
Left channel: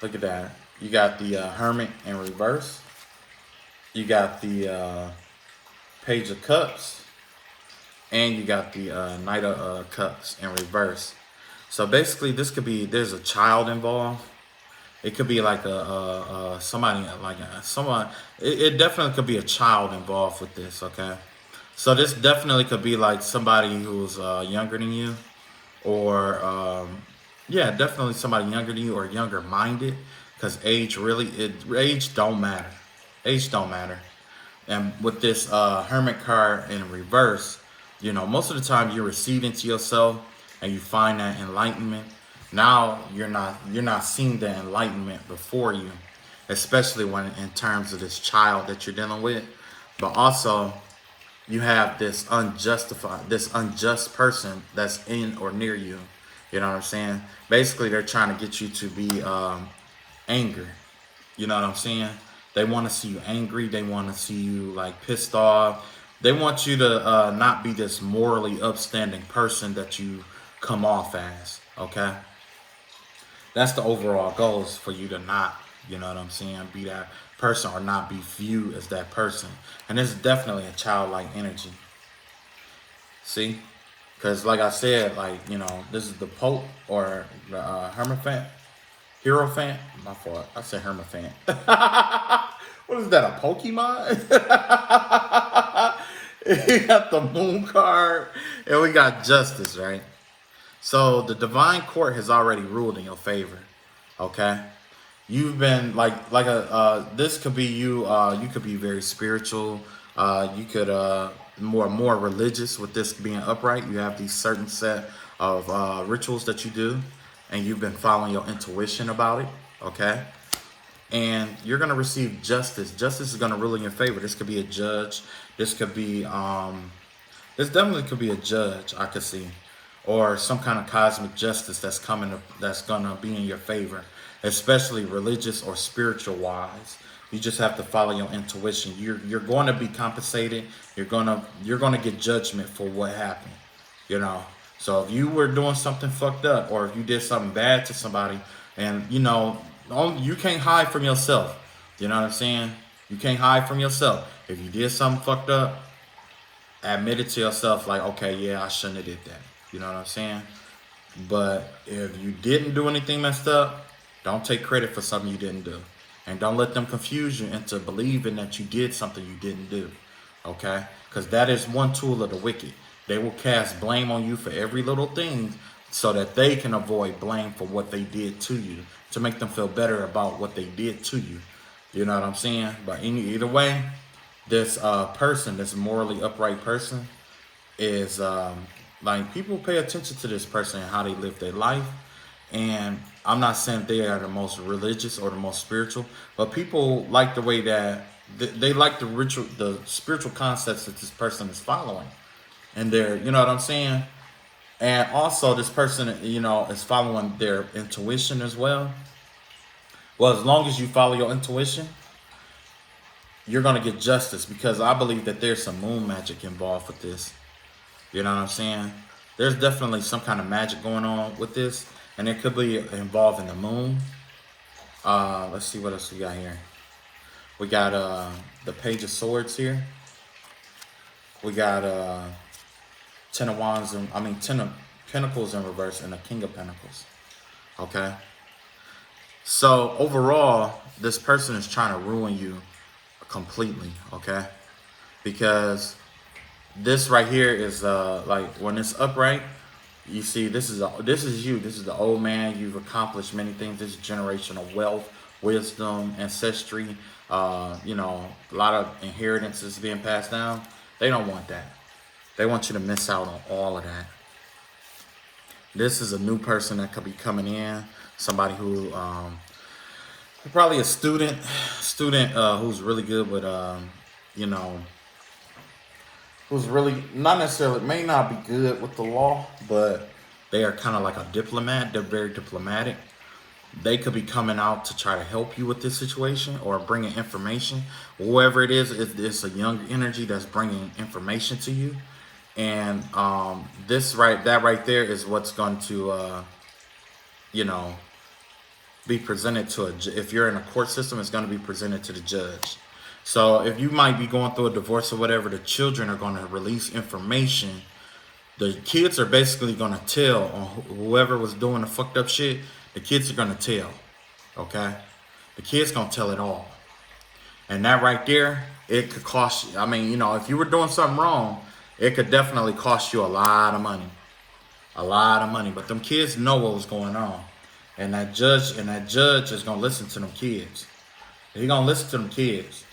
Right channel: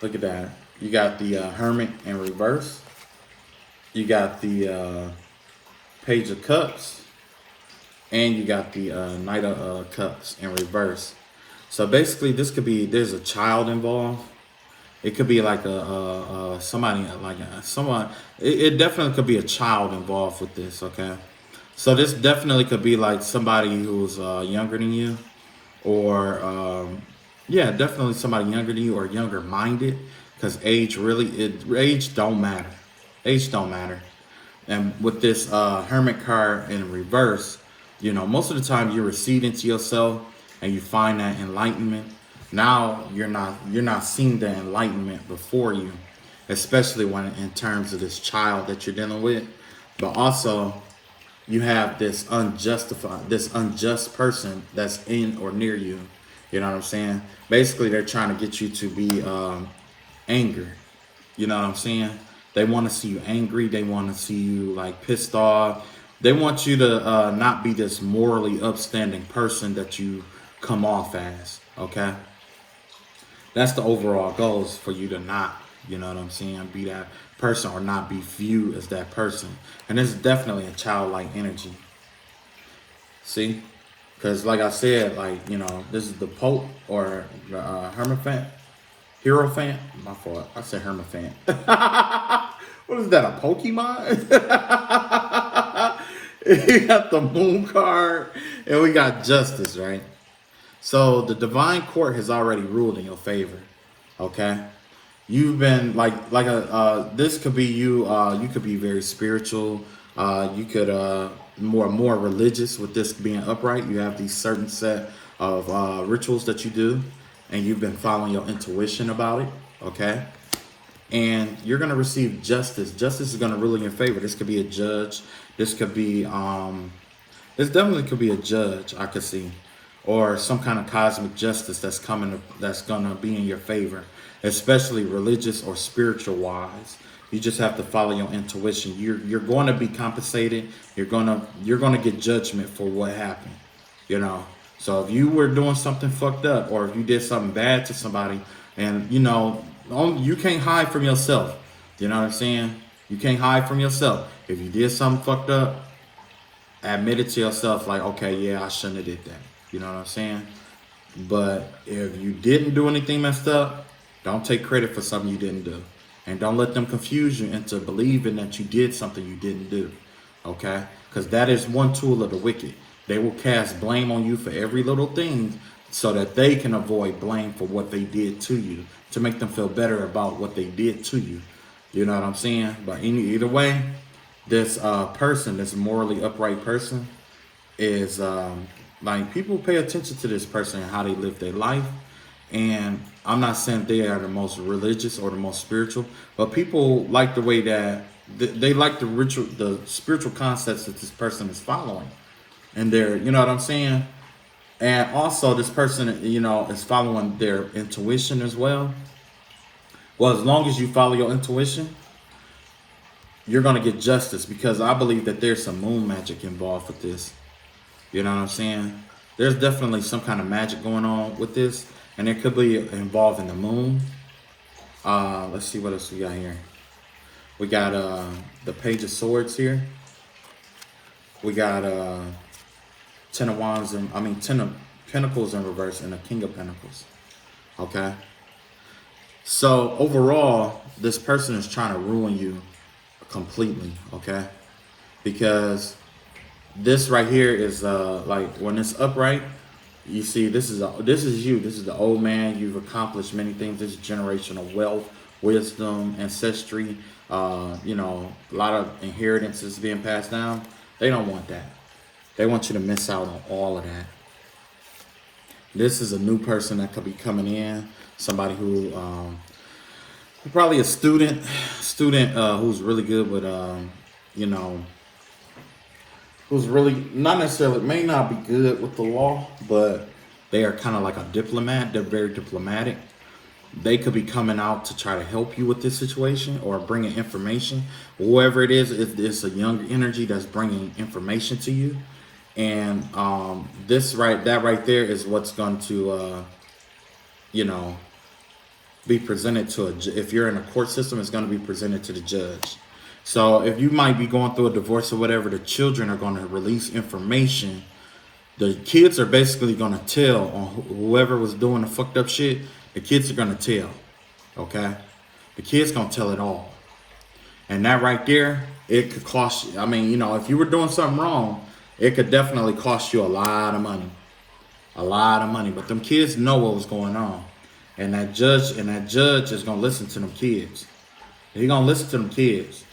look at that. You got the Hermit in reverse. You got the Page of Cups. And you got the Knight of Cups in reverse. So basically, there's a child involved. It could be like someone. It definitely could be a child involved with this. Okay, so this definitely could be like somebody who's younger than you, or yeah, definitely somebody younger than you or younger minded. Because age don't matter. Age don't matter. And with this Hermit card in reverse, you know, most of the time you're receding to yourself and you find that enlightenment. Now you're not seeing the enlightenment before you, especially when in terms of this child that you're dealing with. But also you have this unjust person that's in or near you. You know what I'm saying? Basically they're trying to get you to be angry. You know what I'm saying? They want to see you angry. They want to see you like pissed off. They want you to not be this morally upstanding person that you come off as. Okay, that's the overall goals, for you to not, you know what I'm saying, be that person or not be viewed as that person. And this is definitely a childlike energy. See, because like I said, like, you know, this is the Pope or the Hermaphat. Hierophant? My fault. I said Hermaphat. What is that, a Pokemon? We got the Moon card and we got Justice, right? So the Divine Court has already ruled in your favor. Okay? You've been this could be you. You could be very spiritual. You could more religious with this being upright. You have these certain set of rituals that you do, and you've been following your intuition about it. Okay, and you're gonna receive justice. Justice is gonna rule in your favor. This could be a judge. This could be this definitely could be a judge. I could see, or some kind of cosmic justice that's coming. That's gonna be in your favor, especially religious or spiritual wise. You just have to follow your intuition. You're going to be compensated. You're gonna get judgment for what happened. You know. So if you were doing something fucked up, or if you did something bad to somebody, and you know, you can't hide from yourself. You know what I'm saying? You can't hide from yourself. If you did something fucked up, admit it to yourself. Like, okay, yeah, I shouldn't have did that. You know what I'm saying? But if you didn't do anything messed up, don't take credit for something you didn't do. And don't let them confuse you into believing that you did something you didn't do. Okay? Because that is one tool of the wicked. They will cast blame on you for every little thing so that they can avoid blame for what they did to you, to make them feel better about what they did to you. You know what I'm saying? But either way, this person, this morally upright person, is like, people pay attention to this person and how they live their life. And I'm not saying they are the most religious or the most spiritual, but people like the way that they like the spiritual concepts that this person is following. And they're, you know what I'm saying? And also this person, you know, is following their intuition as well. Well, as long as you follow your intuition, you're going to get justice, because I believe that there's some moon magic involved with this. You know what I'm saying? There's definitely some kind of magic going on with this, and it could be involving the moon. Let's see what else we got here. We got the Page of Swords here. We got Ten of Wands and Ten of Pentacles in reverse and the King of Pentacles. Okay. So overall, this person is trying to ruin you completely. Okay, because this right here is like when it's upright. You see, this is you. This is the old man. You've accomplished many things. This is generational wealth, wisdom, ancestry. You know, a lot of inheritances being passed down. They don't want that. They want you to miss out on all of that. This is a new person that could be coming in. Somebody who, probably a student who's really good with, you know, who's really not necessarily, may not be good with the law, but they are kind of like a diplomat. They're very diplomatic. They could be coming out to try to help you with this situation or bringing information. Whoever it is, it's a young energy that's bringing information to you. And that right there is what's going to, you know, be presented to if you're in a court system, it's going to be presented to the judge. So if you might be going through a divorce or whatever, the children are going to release information. The kids are basically going to tell on whoever was doing the fucked up shit. The kids are going to tell, okay? The kids going to tell it all. And that right there, it could cost you. I mean, you know, if you were doing something wrong, it could definitely cost you a lot of money. A lot of money. But them kids know what was going on. And that judge is going to listen to them kids. He's going to listen to them kids.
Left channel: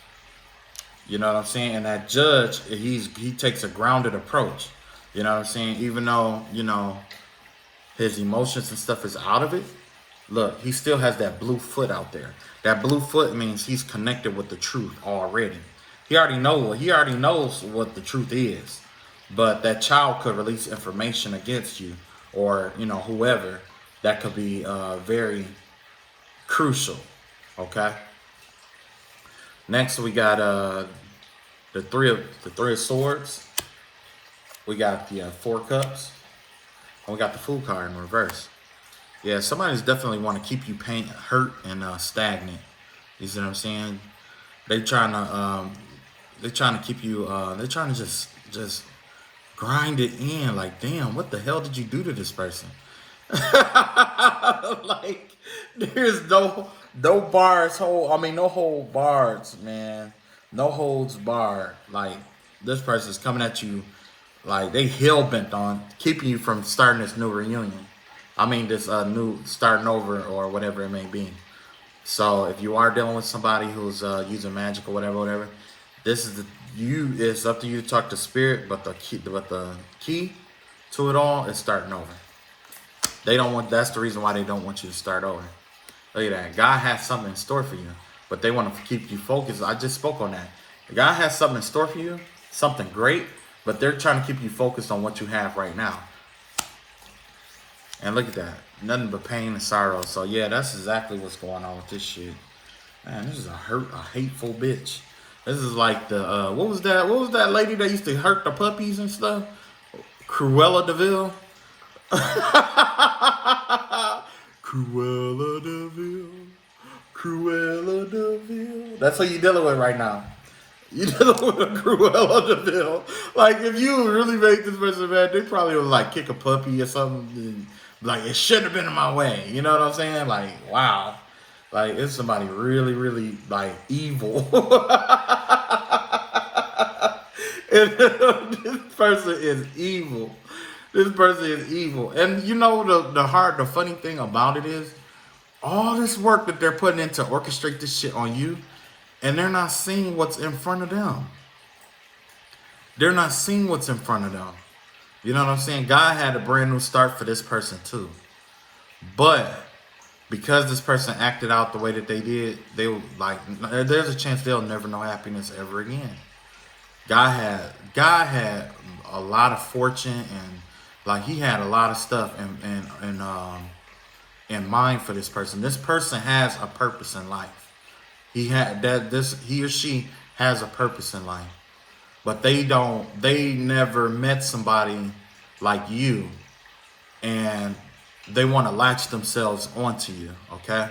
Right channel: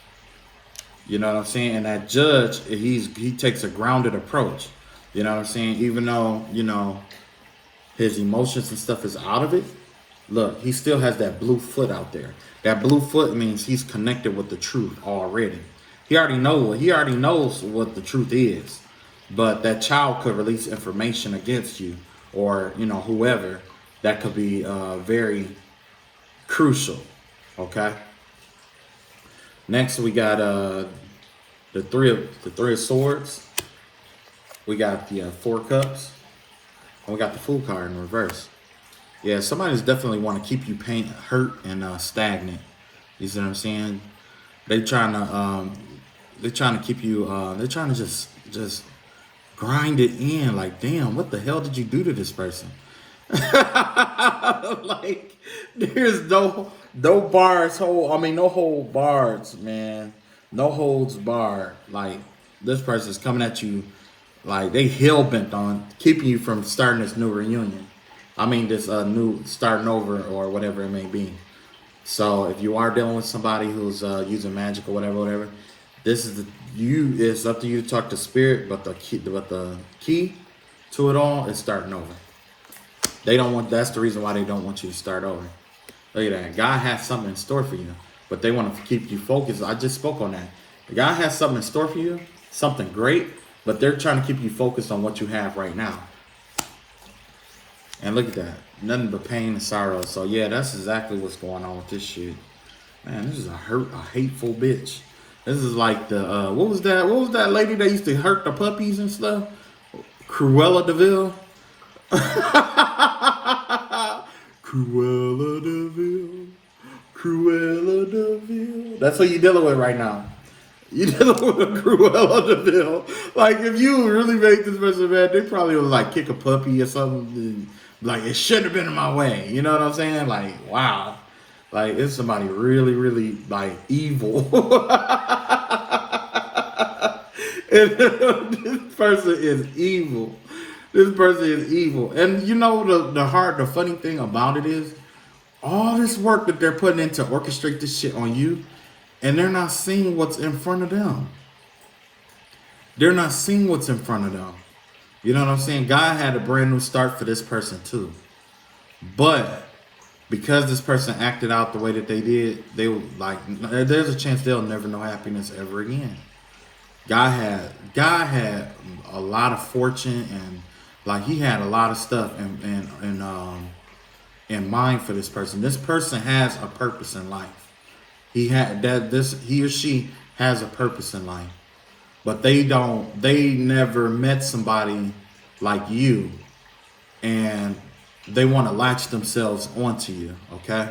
You know what I'm saying? And that judge, he takes a grounded approach. You know what I'm saying? Even though, you know, his emotions and stuff is out of it, look, he still has that blue foot out there. That blue foot means he's connected with the truth already. He already knows what the truth is. But that child could release information against you, or, you know, whoever. That could be very crucial. Okay. Next, we got the three of Swords. We got the Four Cups. And we got the Fool card in reverse. Yeah, somebody's definitely want to keep you hurt and stagnant. You see what I'm saying? They're trying to keep you. They're trying to just grind it in. Like, damn, what the hell did you do to this person? Like, there's no bars no hold bars, man. No holds barred. Like, this person's coming at you like they hell bent on keeping you from starting this new reunion. This new starting over or whatever it may be. So if you are dealing with somebody who's using magic or whatever, this is it's up to you to talk to spirit, but the key to it all is starting over. That's the reason why they don't want you to start over. Look at that. God has something in store for you, but they want to keep you focused. I just spoke on that. God has something in store for you, something great, but they're trying to keep you focused on what you have right now. And look at that. Nothing but pain and sorrow. So yeah, that's exactly what's going on with this shit. Man, this is a hateful bitch. This is like the what was that lady that used to hurt the puppies and stuff? Cruella de Vil. Cruella de Vil. Cruella de Vil. That's what you're dealing with right now. You're dealing with a Cruella de Vil. Like, if you really make this person mad, they probably would like kick a puppy or something. Like, it shouldn't have been in my way. You know what I'm saying? Like, wow. Like, it's somebody really, really, like, evil. And this person is evil. This person is evil. And you know, the funny thing about it is, all this work that they're putting in to orchestrate this shit on you, and they're not seeing what's in front of them. They're not seeing what's in front of them. You know what I'm saying? God had a brand new start for this person too. But because this person acted out the way that they did, they were like, there's a chance they'll never know happiness ever again. God had a lot of fortune, and like, he had a lot of stuff in mind for this person. This person has a purpose in life. He or she has a purpose in life. but they never met somebody like you, and they want to latch themselves onto you, okay?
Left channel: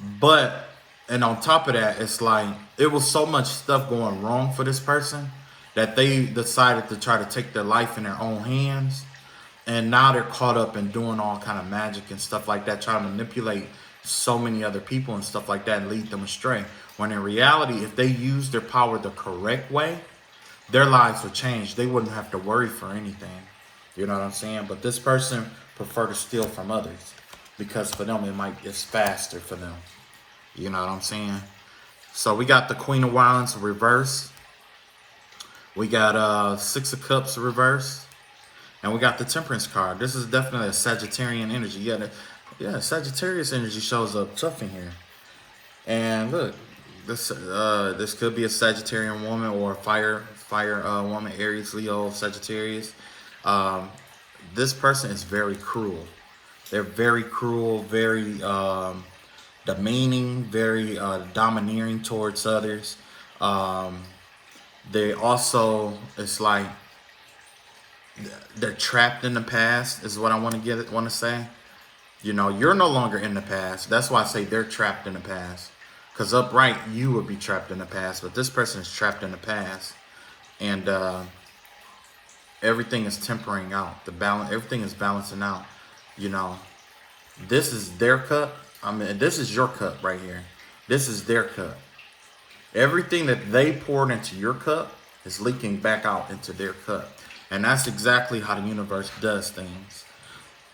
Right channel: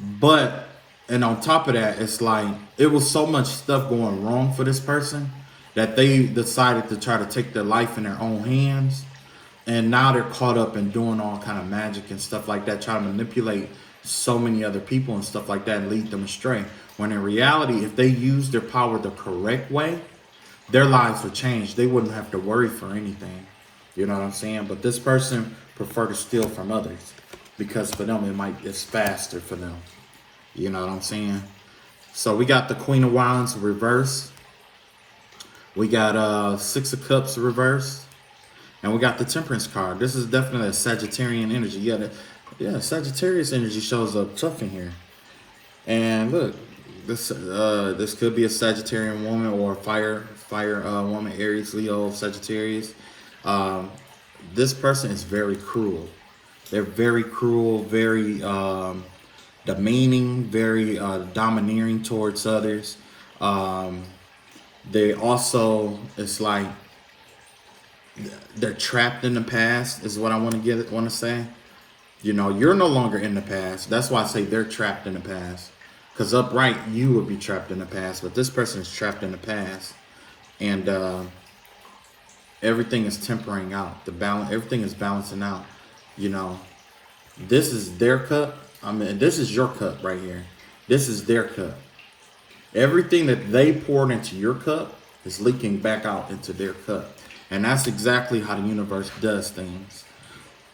But, and on top of that, it's like, it was so much stuff going wrong for this person that they decided to try to take their life in their own hands. And now they're caught up in doing all kind of magic and stuff like that, trying to manipulate so many other people and stuff like that and lead them astray. When in reality, if they use their power the correct way, their lives would change. They wouldn't have to worry for anything. You know what I'm saying? But this person prefer to steal from others because for them it's faster for them. You know what I'm saying? So we got the Queen of Wands reverse. We got Six of Cups reverse. And we got the Temperance card. This is definitely a Sagittarian energy. Yeah, Sagittarius energy shows up tough in here. And look, this could be a Sagittarian woman or a fire woman, Aries, Leo, Sagittarius. This person is very cruel. They're very cruel, very demeaning, very domineering towards others. They also, it's like, they're trapped in the past is what I want to say. You know, you're no longer in the past. That's why I say they're trapped in the past. Because upright, you would be trapped in the past, but this person is trapped in the past, and everything is tempering out. Everything is balancing out. You know, this is their cup. I mean, this is your cup right here. This is their cup. Everything that they poured into your cup is leaking back out into their cup. And that's exactly how the universe does things.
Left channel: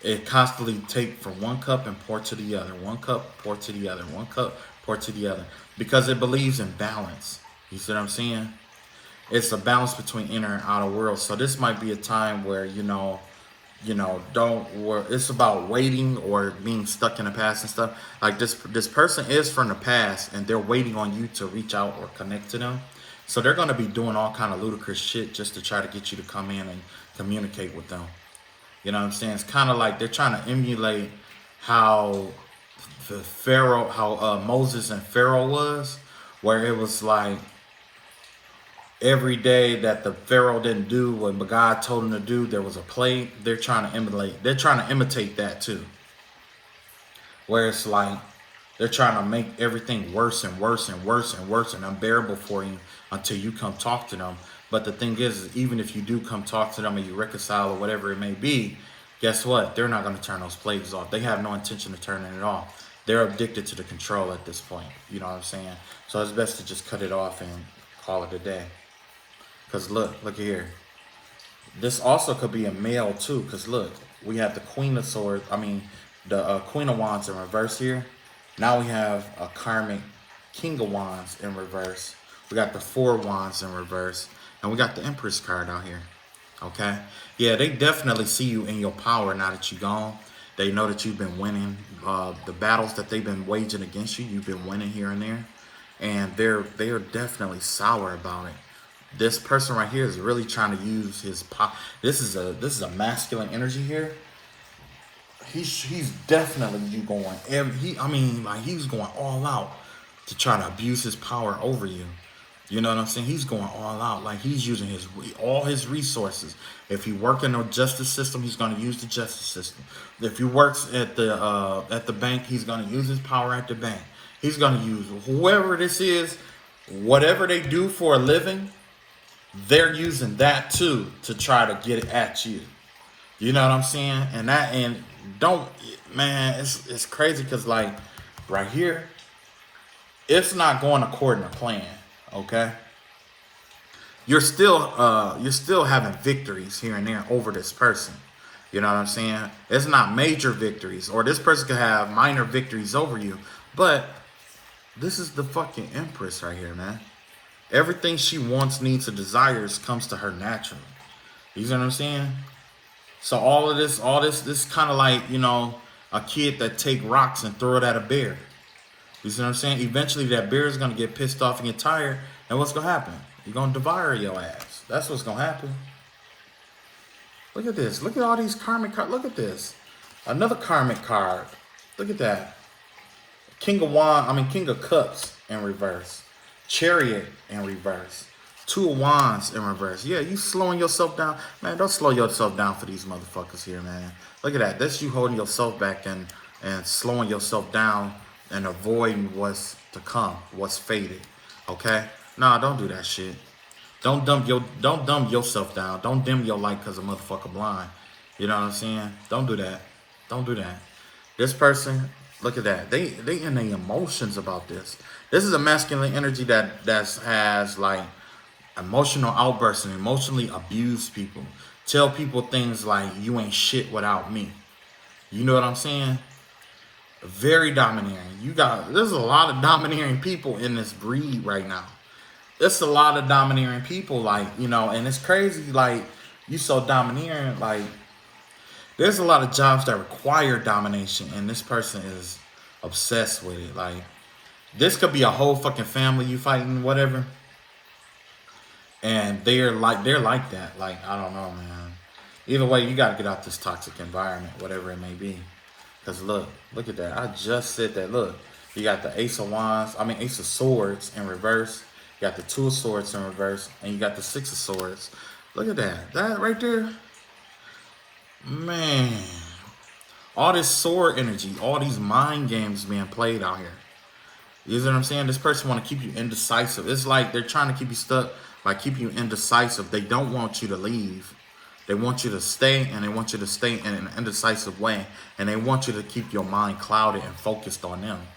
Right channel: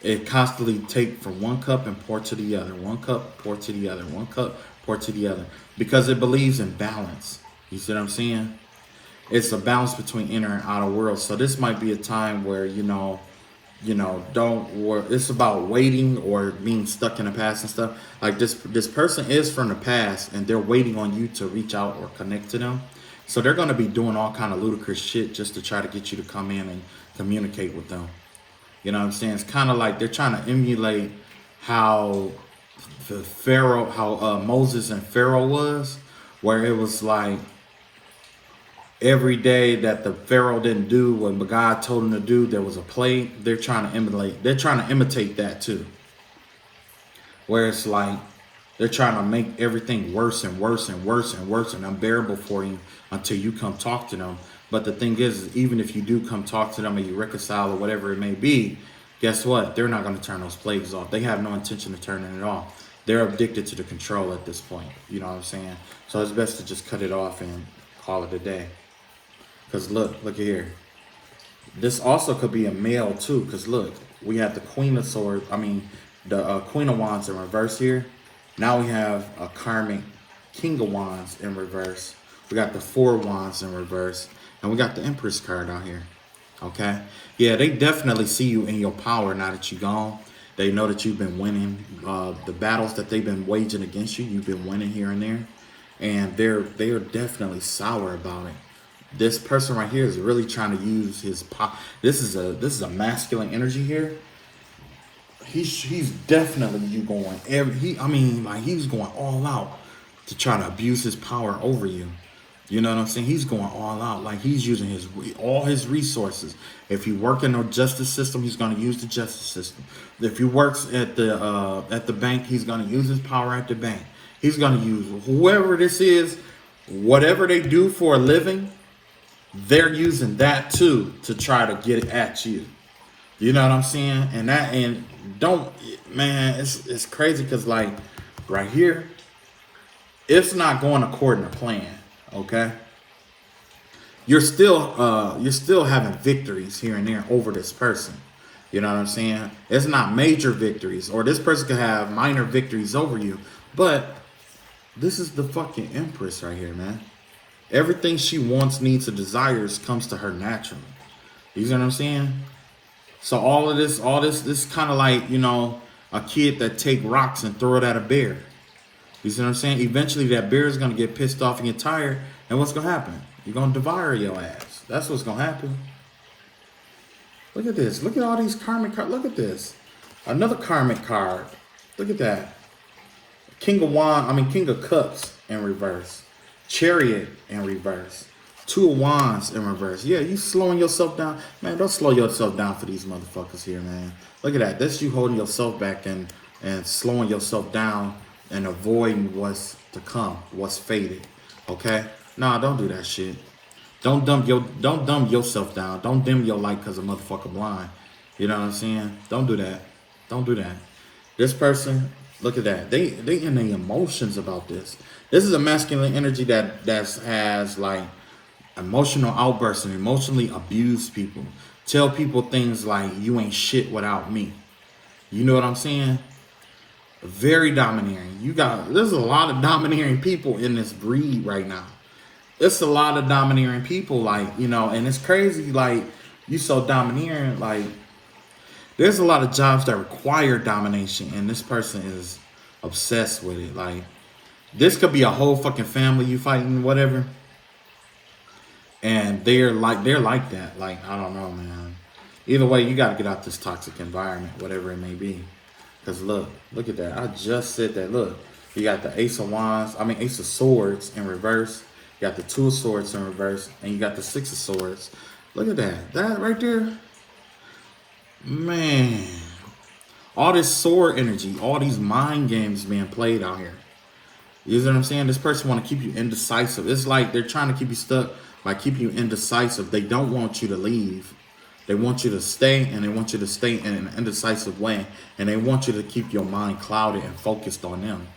It constantly takes from one cup and pour to the other. One cup, pour to the other. One cup, pour to the other. Because it believes in balance. You see what I'm saying? It's a balance between inner and outer world. So this might be a time where, it's about waiting or being stuck in the past and stuff. Like this person is from the past and they're waiting on you to reach out or connect to them. So they're going to be doing all kind of ludicrous shit just to try to get you to come in and communicate with them. You know what I'm saying? It's kind of like they're trying to emulate how Moses and Pharaoh was, where it was like every day that the Pharaoh didn't do what God told him to do, there was a plague. They're trying to emulate. They're trying to imitate that too. Where it's like they're trying to make everything worse and worse and worse and worse and unbearable for you until you come talk to them. But the thing is even if you do come talk to them and you reconcile or whatever it may be, guess what? They're not going to turn those plagues off. They have no intention of turning it off. They're addicted to the control at this point. You know what I'm saying? So it's best to just cut it off and call it a day. Because look here. This also could be a male too. Because look, we have the Queen of Swords. The Queen of Wands in reverse here. Now we have a karmic King of Wands in reverse. We got the Four of Wands in reverse. And we got the Empress card out here. Okay? Yeah, they definitely see you in your power now that you're gone. They know that you've been winning. The battles that they've been waging against you, you've been winning here and there. And they are definitely sour about it. This person right here is really trying to use his power. This is a masculine energy here. He's definitely going. He was going all out to try to abuse his power over you. You know what I'm saying? He's going all out. Like he's using all his resources. If he works in the justice system, he's going to use the justice system. If he works at the bank, he's going to use his power at the bank. He's going to use whoever this is, whatever they do for a living, they're using that too to try to get it at you. You know what I'm saying? It's crazy because like right here, it's not going according to plan. Okay, you're still having victories here and there over this person. You know what I'm saying? It's not major victories, or this person could have minor victories over you, but this is the fucking Empress right here, man. Everything she wants, needs, or desires comes to her naturally. You know what I'm saying? So all this kind of like, a kid that take rocks and throw it at a bear. You see what I'm saying? Eventually that bear is going to get pissed off and get tired. And what's going to happen? You're going to devour your ass. That's what's going to happen. Look at this. Look at all these karmic cards. Look at this. Another karmic card. Look at that. King of Cups in reverse. Chariot in reverse. Two of Wands in reverse. Yeah, you slowing yourself down. Man, don't slow yourself down for these motherfuckers here, man. Look at that. That's you holding yourself back and slowing yourself down and avoiding what's to come, what's faded. Okay? Nah, don't do that shit. Don't dumb yourself down. Don't dim your light because a motherfucker blind. You know what I'm saying? Don't do that. Don't do that. This person, look at that. They in the emotions about this. This is a masculine energy that has like emotional outbursts and emotionally abuse people. Tell people things like, you ain't shit without me. You know what I'm saying? Very domineering. There's a lot of domineering people in this breed right now. It's a lot of domineering people, like, you know, and it's crazy, like, you so domineering, like, there's a lot of jobs that require domination, and this person is obsessed with it. Like, this could be a whole fucking family you fighting, whatever, and they're like that. Like, I don't know, man. Either way, you got to get out this toxic environment, whatever it may be. Because look at that. I just said that. Look, you got the Ace of Swords in reverse. You got the Two of Swords in reverse, and you got the Six of Swords. Look at that. That right there. Man. All this sword energy, all these mind games being played out here. You know what I'm saying? This person want to keep you indecisive. It's like they're trying to keep you stuck by keeping you indecisive. They don't want you to leave. They want you to stay, and they want you to stay in an indecisive way. And they want you to keep your mind clouded and focused on them.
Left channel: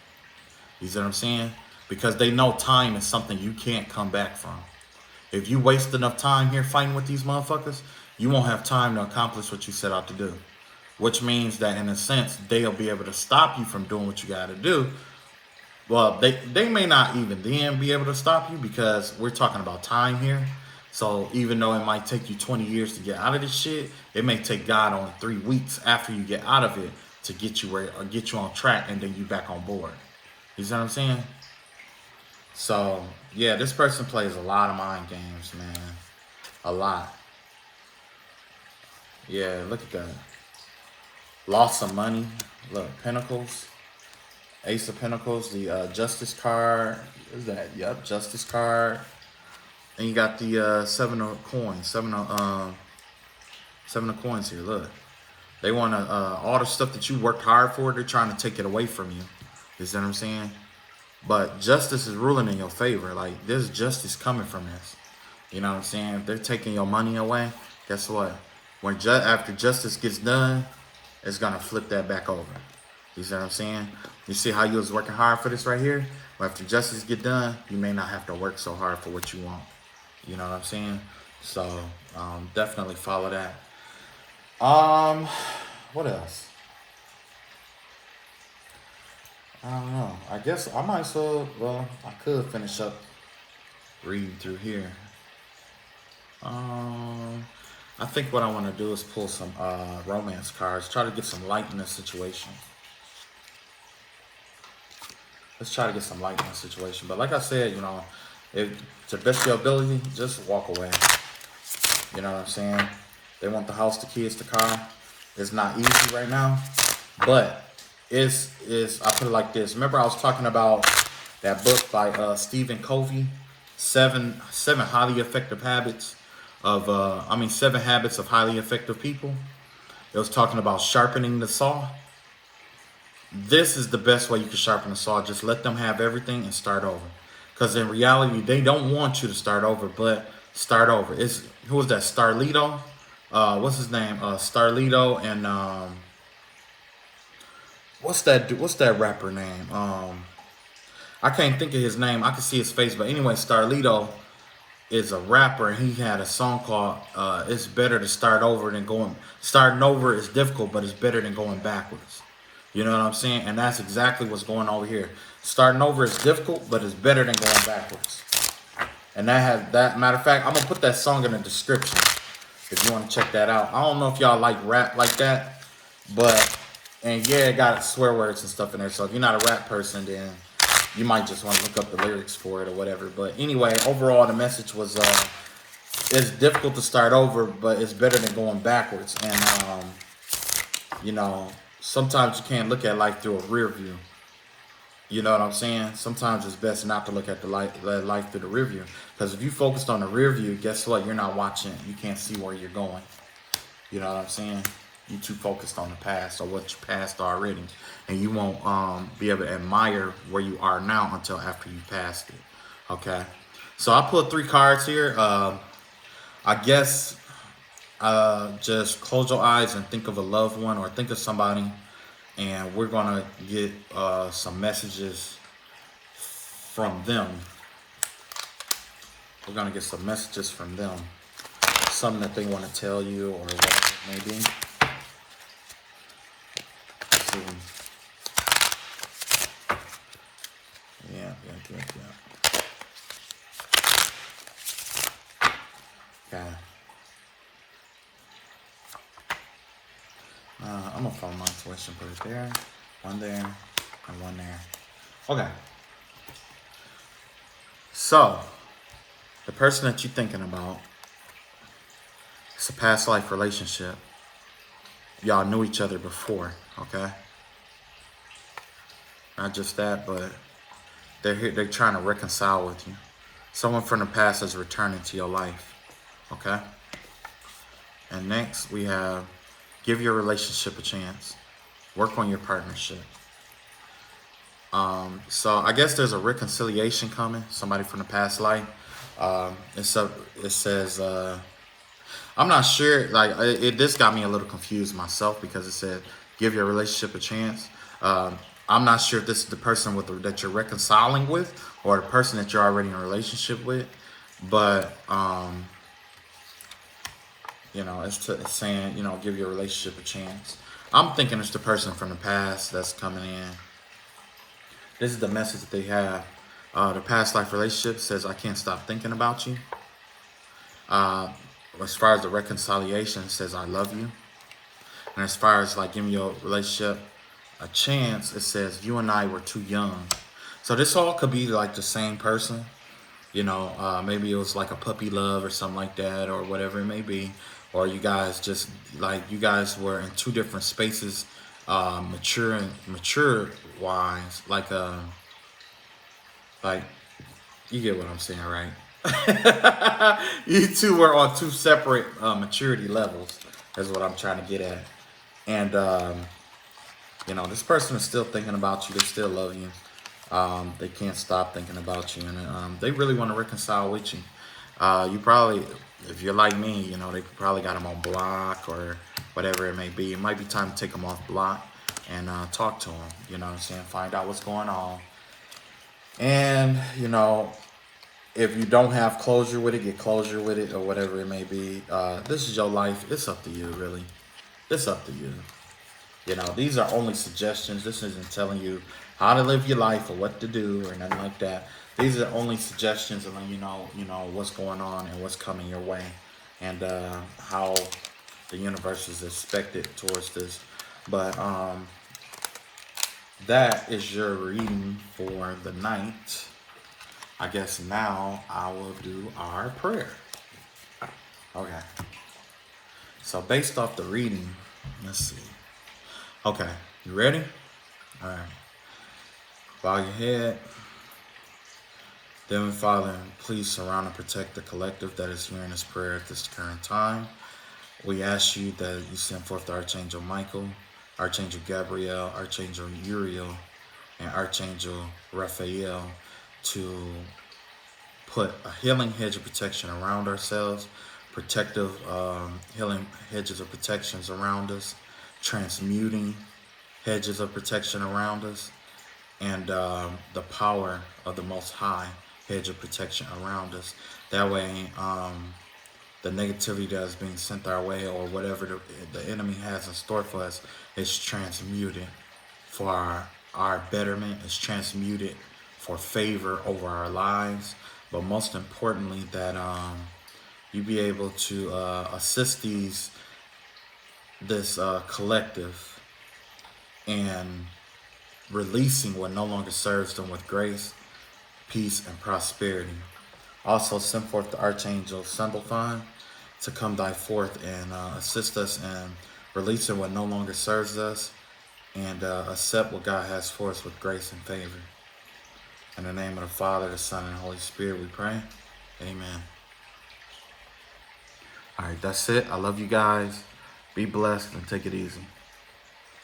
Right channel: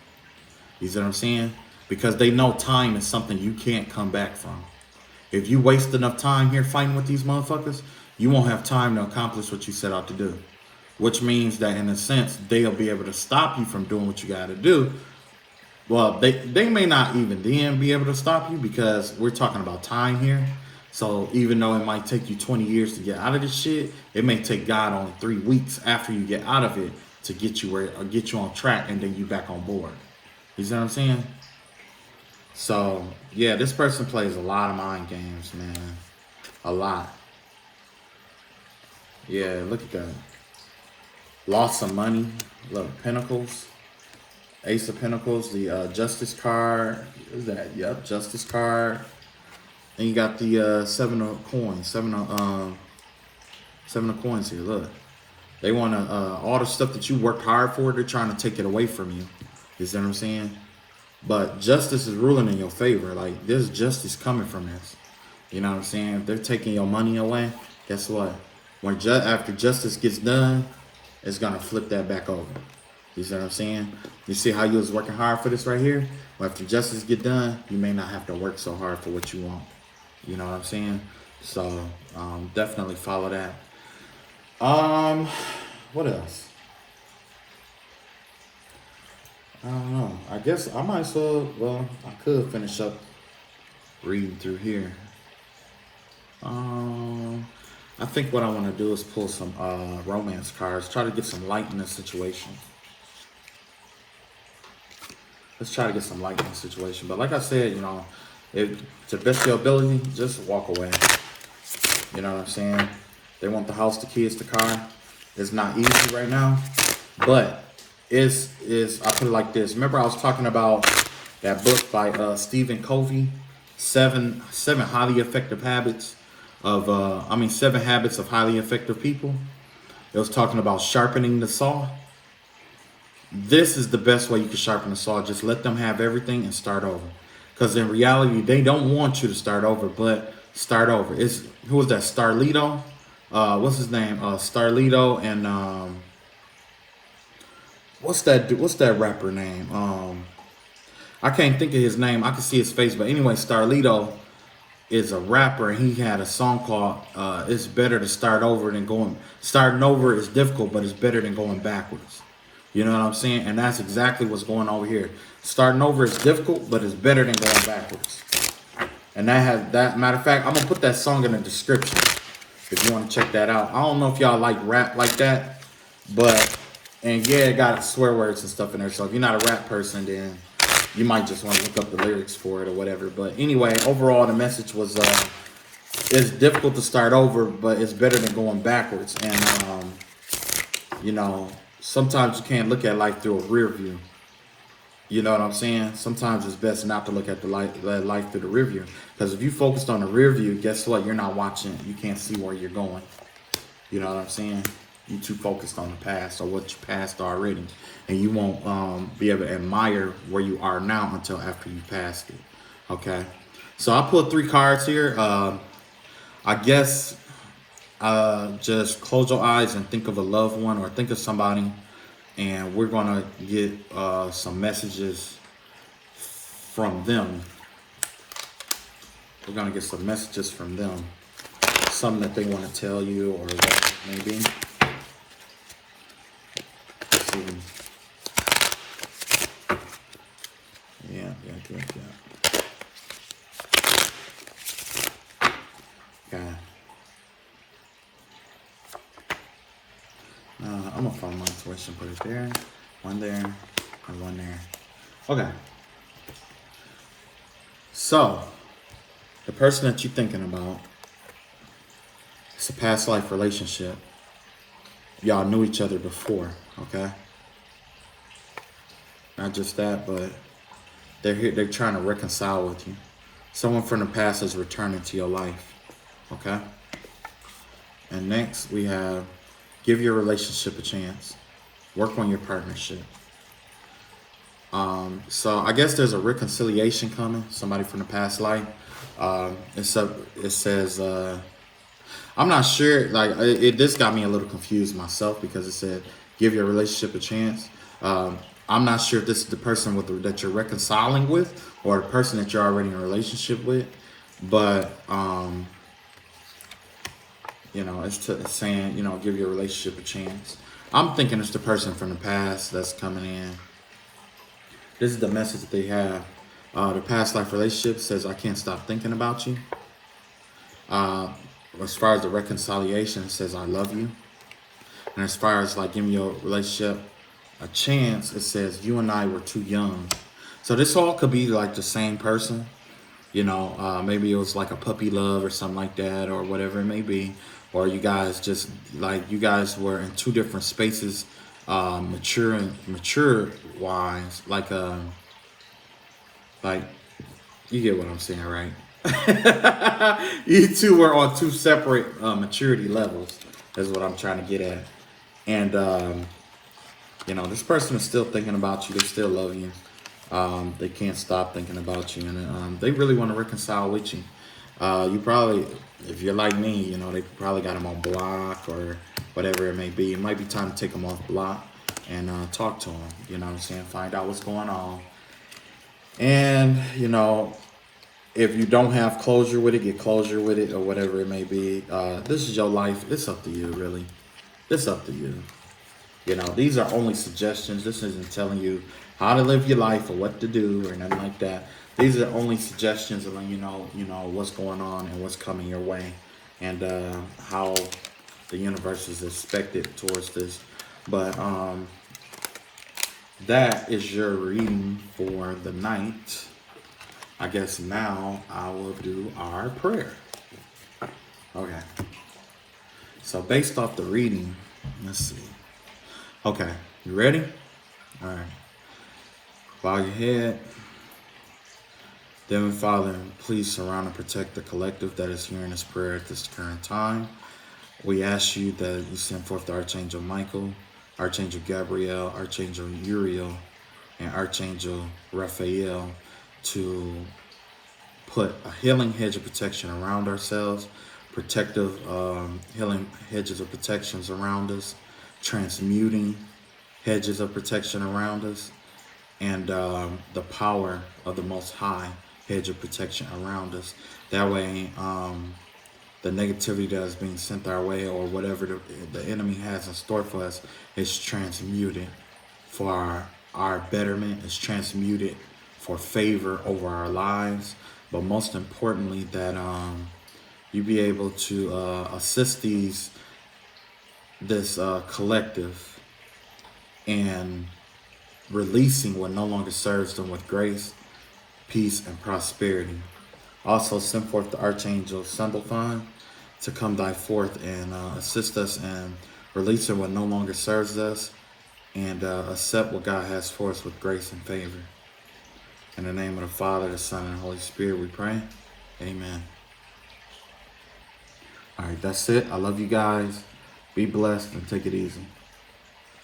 You see what I'm saying? Because they know time is something you can't come back from. If you waste enough time here fighting with these motherfuckers, you won't have time to accomplish what you set out to do. Which means that in a sense, they'll be able to stop you from doing what you got to do. Well, they may not even then be able to stop you because we're talking about time here. So even though it might take you 20 years to get out of this shit, it may take God only 3 weeks after you get out of it to get you on track, and then you back on board. You see what I'm saying? So, yeah, this person plays a lot of mind games, man. A lot. Yeah, look at that. Lost some money. Look, Pentacles. Ace of Pentacles. The Justice card. What is that? Yep, Justice card. And you got the Seven of Coins. Seven of Coins here, look. They want to, all the stuff that you worked hard for, they're trying to take it away from you. You see what I'm saying? But justice is ruling in your favor. Like, there's justice coming from this. You know what I'm saying? If they're taking your money away, guess what? After justice gets done, it's going to flip that back over. You see what I'm saying? You see how you was working hard for this right here? Well, after justice get done, you may not have to work so hard for what you want. You know what I'm saying? So, definitely follow that. What else? I don't know. I guess I might I could finish up reading through here. I think what I want to do is pull some romance cards. Try to get some light in this situation. Let's try to get some light in this situation. But like I said, you know, if to the best of your ability, just walk away. You know what I'm saying? They want the house, the kids, the car. It's not easy right now, but I put it like this. Remember I was talking about that book by Stephen Covey, seven highly effective habits of 7 habits of highly effective people. It was talking about sharpening the saw. This is the best way you can sharpen the saw. Just let them have everything and start over. Because in reality, they don't want you to start over, but start over. Who was that? Starlito? What's his name? Starlito and what's that rapper name? I can't think of his name. I can see his face, but anyway, Starlito is a rapper, and he had a song called "It's Better to Start Over Than Going." Starting over is difficult, but it's better than going backwards. You know what I'm saying? And that's exactly what's going on over here. Starting over is difficult, but it's better than going backwards. And matter of fact, I'm gonna put that song in the description if you want to check that out. I don't know if y'all like rap like that, and yeah, it got swear words and stuff in there. So if you're not a rap person, then you might just want to look up the lyrics for it or whatever. But anyway, overall, the message was it's difficult to start over, but it's better than going backwards. And you know, sometimes you can't look at life through a rear view. You know what I'm saying? Sometimes it's best not to look at the life through the rear view. Because if you focused on the rear view, guess what? You're not watching. You can't see where you're going. You know what I'm saying? You too focused on the past or what you passed already. And you won't be able to admire where you are now until after you passed it. Okay? So I pulled 3 cards here. I guess just close your eyes and think of a loved one or think of somebody. And we're going to get some messages from them. We're going to get some messages from them. Something that they want to tell you or what it may be. Yeah. Okay. I'm going to follow my intuition, put it there, one there, and one there. Okay. So, the person that you're thinking about, it's a past life relationship. Y'all knew each other before, okay? Not just that, but they're here, they're trying to reconcile with you. Someone from the past is returning to your life, okay? And next, we have give your relationship a chance. Work on your partnership. So I guess there's a reconciliation coming. Somebody from the past life. It says, I'm not sure. Like this got me a little confused myself because it said give your relationship a chance. I'm not sure if this is the person that you're reconciling with or the person that you're already in a relationship with, but it's saying, give your relationship a chance. I'm thinking it's the person from the past that's coming in. This is the message that they have. The past life relationship says, I can't stop thinking about you. As far as the reconciliation, it says, I love you. And as far as like giving your relationship a chance, it says, you and I were too young. So this all could be like the same person. Maybe it was like a puppy love or something like that or whatever it may be. Or you guys you guys were in 2 different spaces, mature wise, like you get what I'm saying, right? You 2 were on 2 separate maturity levels, is what I'm trying to get at. And this person is still thinking about you. They still love you. They can't stop thinking about you, and they really want to reconcile with you. You probably, if you're like me, they probably got them on block or whatever it may be. It might be time to take them off block and talk to them. You know what I'm saying? Find out what's going on. And, if you don't have closure with it, get closure with it or whatever it may be. This is your life. It's up to you, really. It's up to you. These are only suggestions. This isn't telling you how to live your life or what to do or nothing like that. These are only suggestions of what's going on and what's coming your way and how the universe is expected towards this. But that is your reading for the night. I guess now I will do our prayer. Okay. So based off the reading, let's see. Okay, you ready? All right. Bow your head. Heavenly Father, please surround and protect the collective that is hearing this prayer at this current time. We ask you that you send forth the Archangel Michael, Archangel Gabriel, Archangel Uriel, and Archangel Raphael to put a healing hedge of protection around ourselves, protective healing hedges of protections around us, transmuting hedges of protection around us, and the power of the Most High hedge of protection around us. That way, the negativity that is being sent our way or whatever the enemy has in store for us is transmuted for our betterment, is transmuted for favor over our lives. But most importantly, that you be able to assist this collective in releasing what no longer serves them with grace, peace, and prosperity. Also, send forth the Archangel Symbophon to come thy forth and assist us in releasing what no longer serves us and accept what God has for us with grace and favor. In the name of the Father, the Son, and the Holy Spirit, we pray. Amen. All right, that's it. I love you guys. Be blessed and take it easy.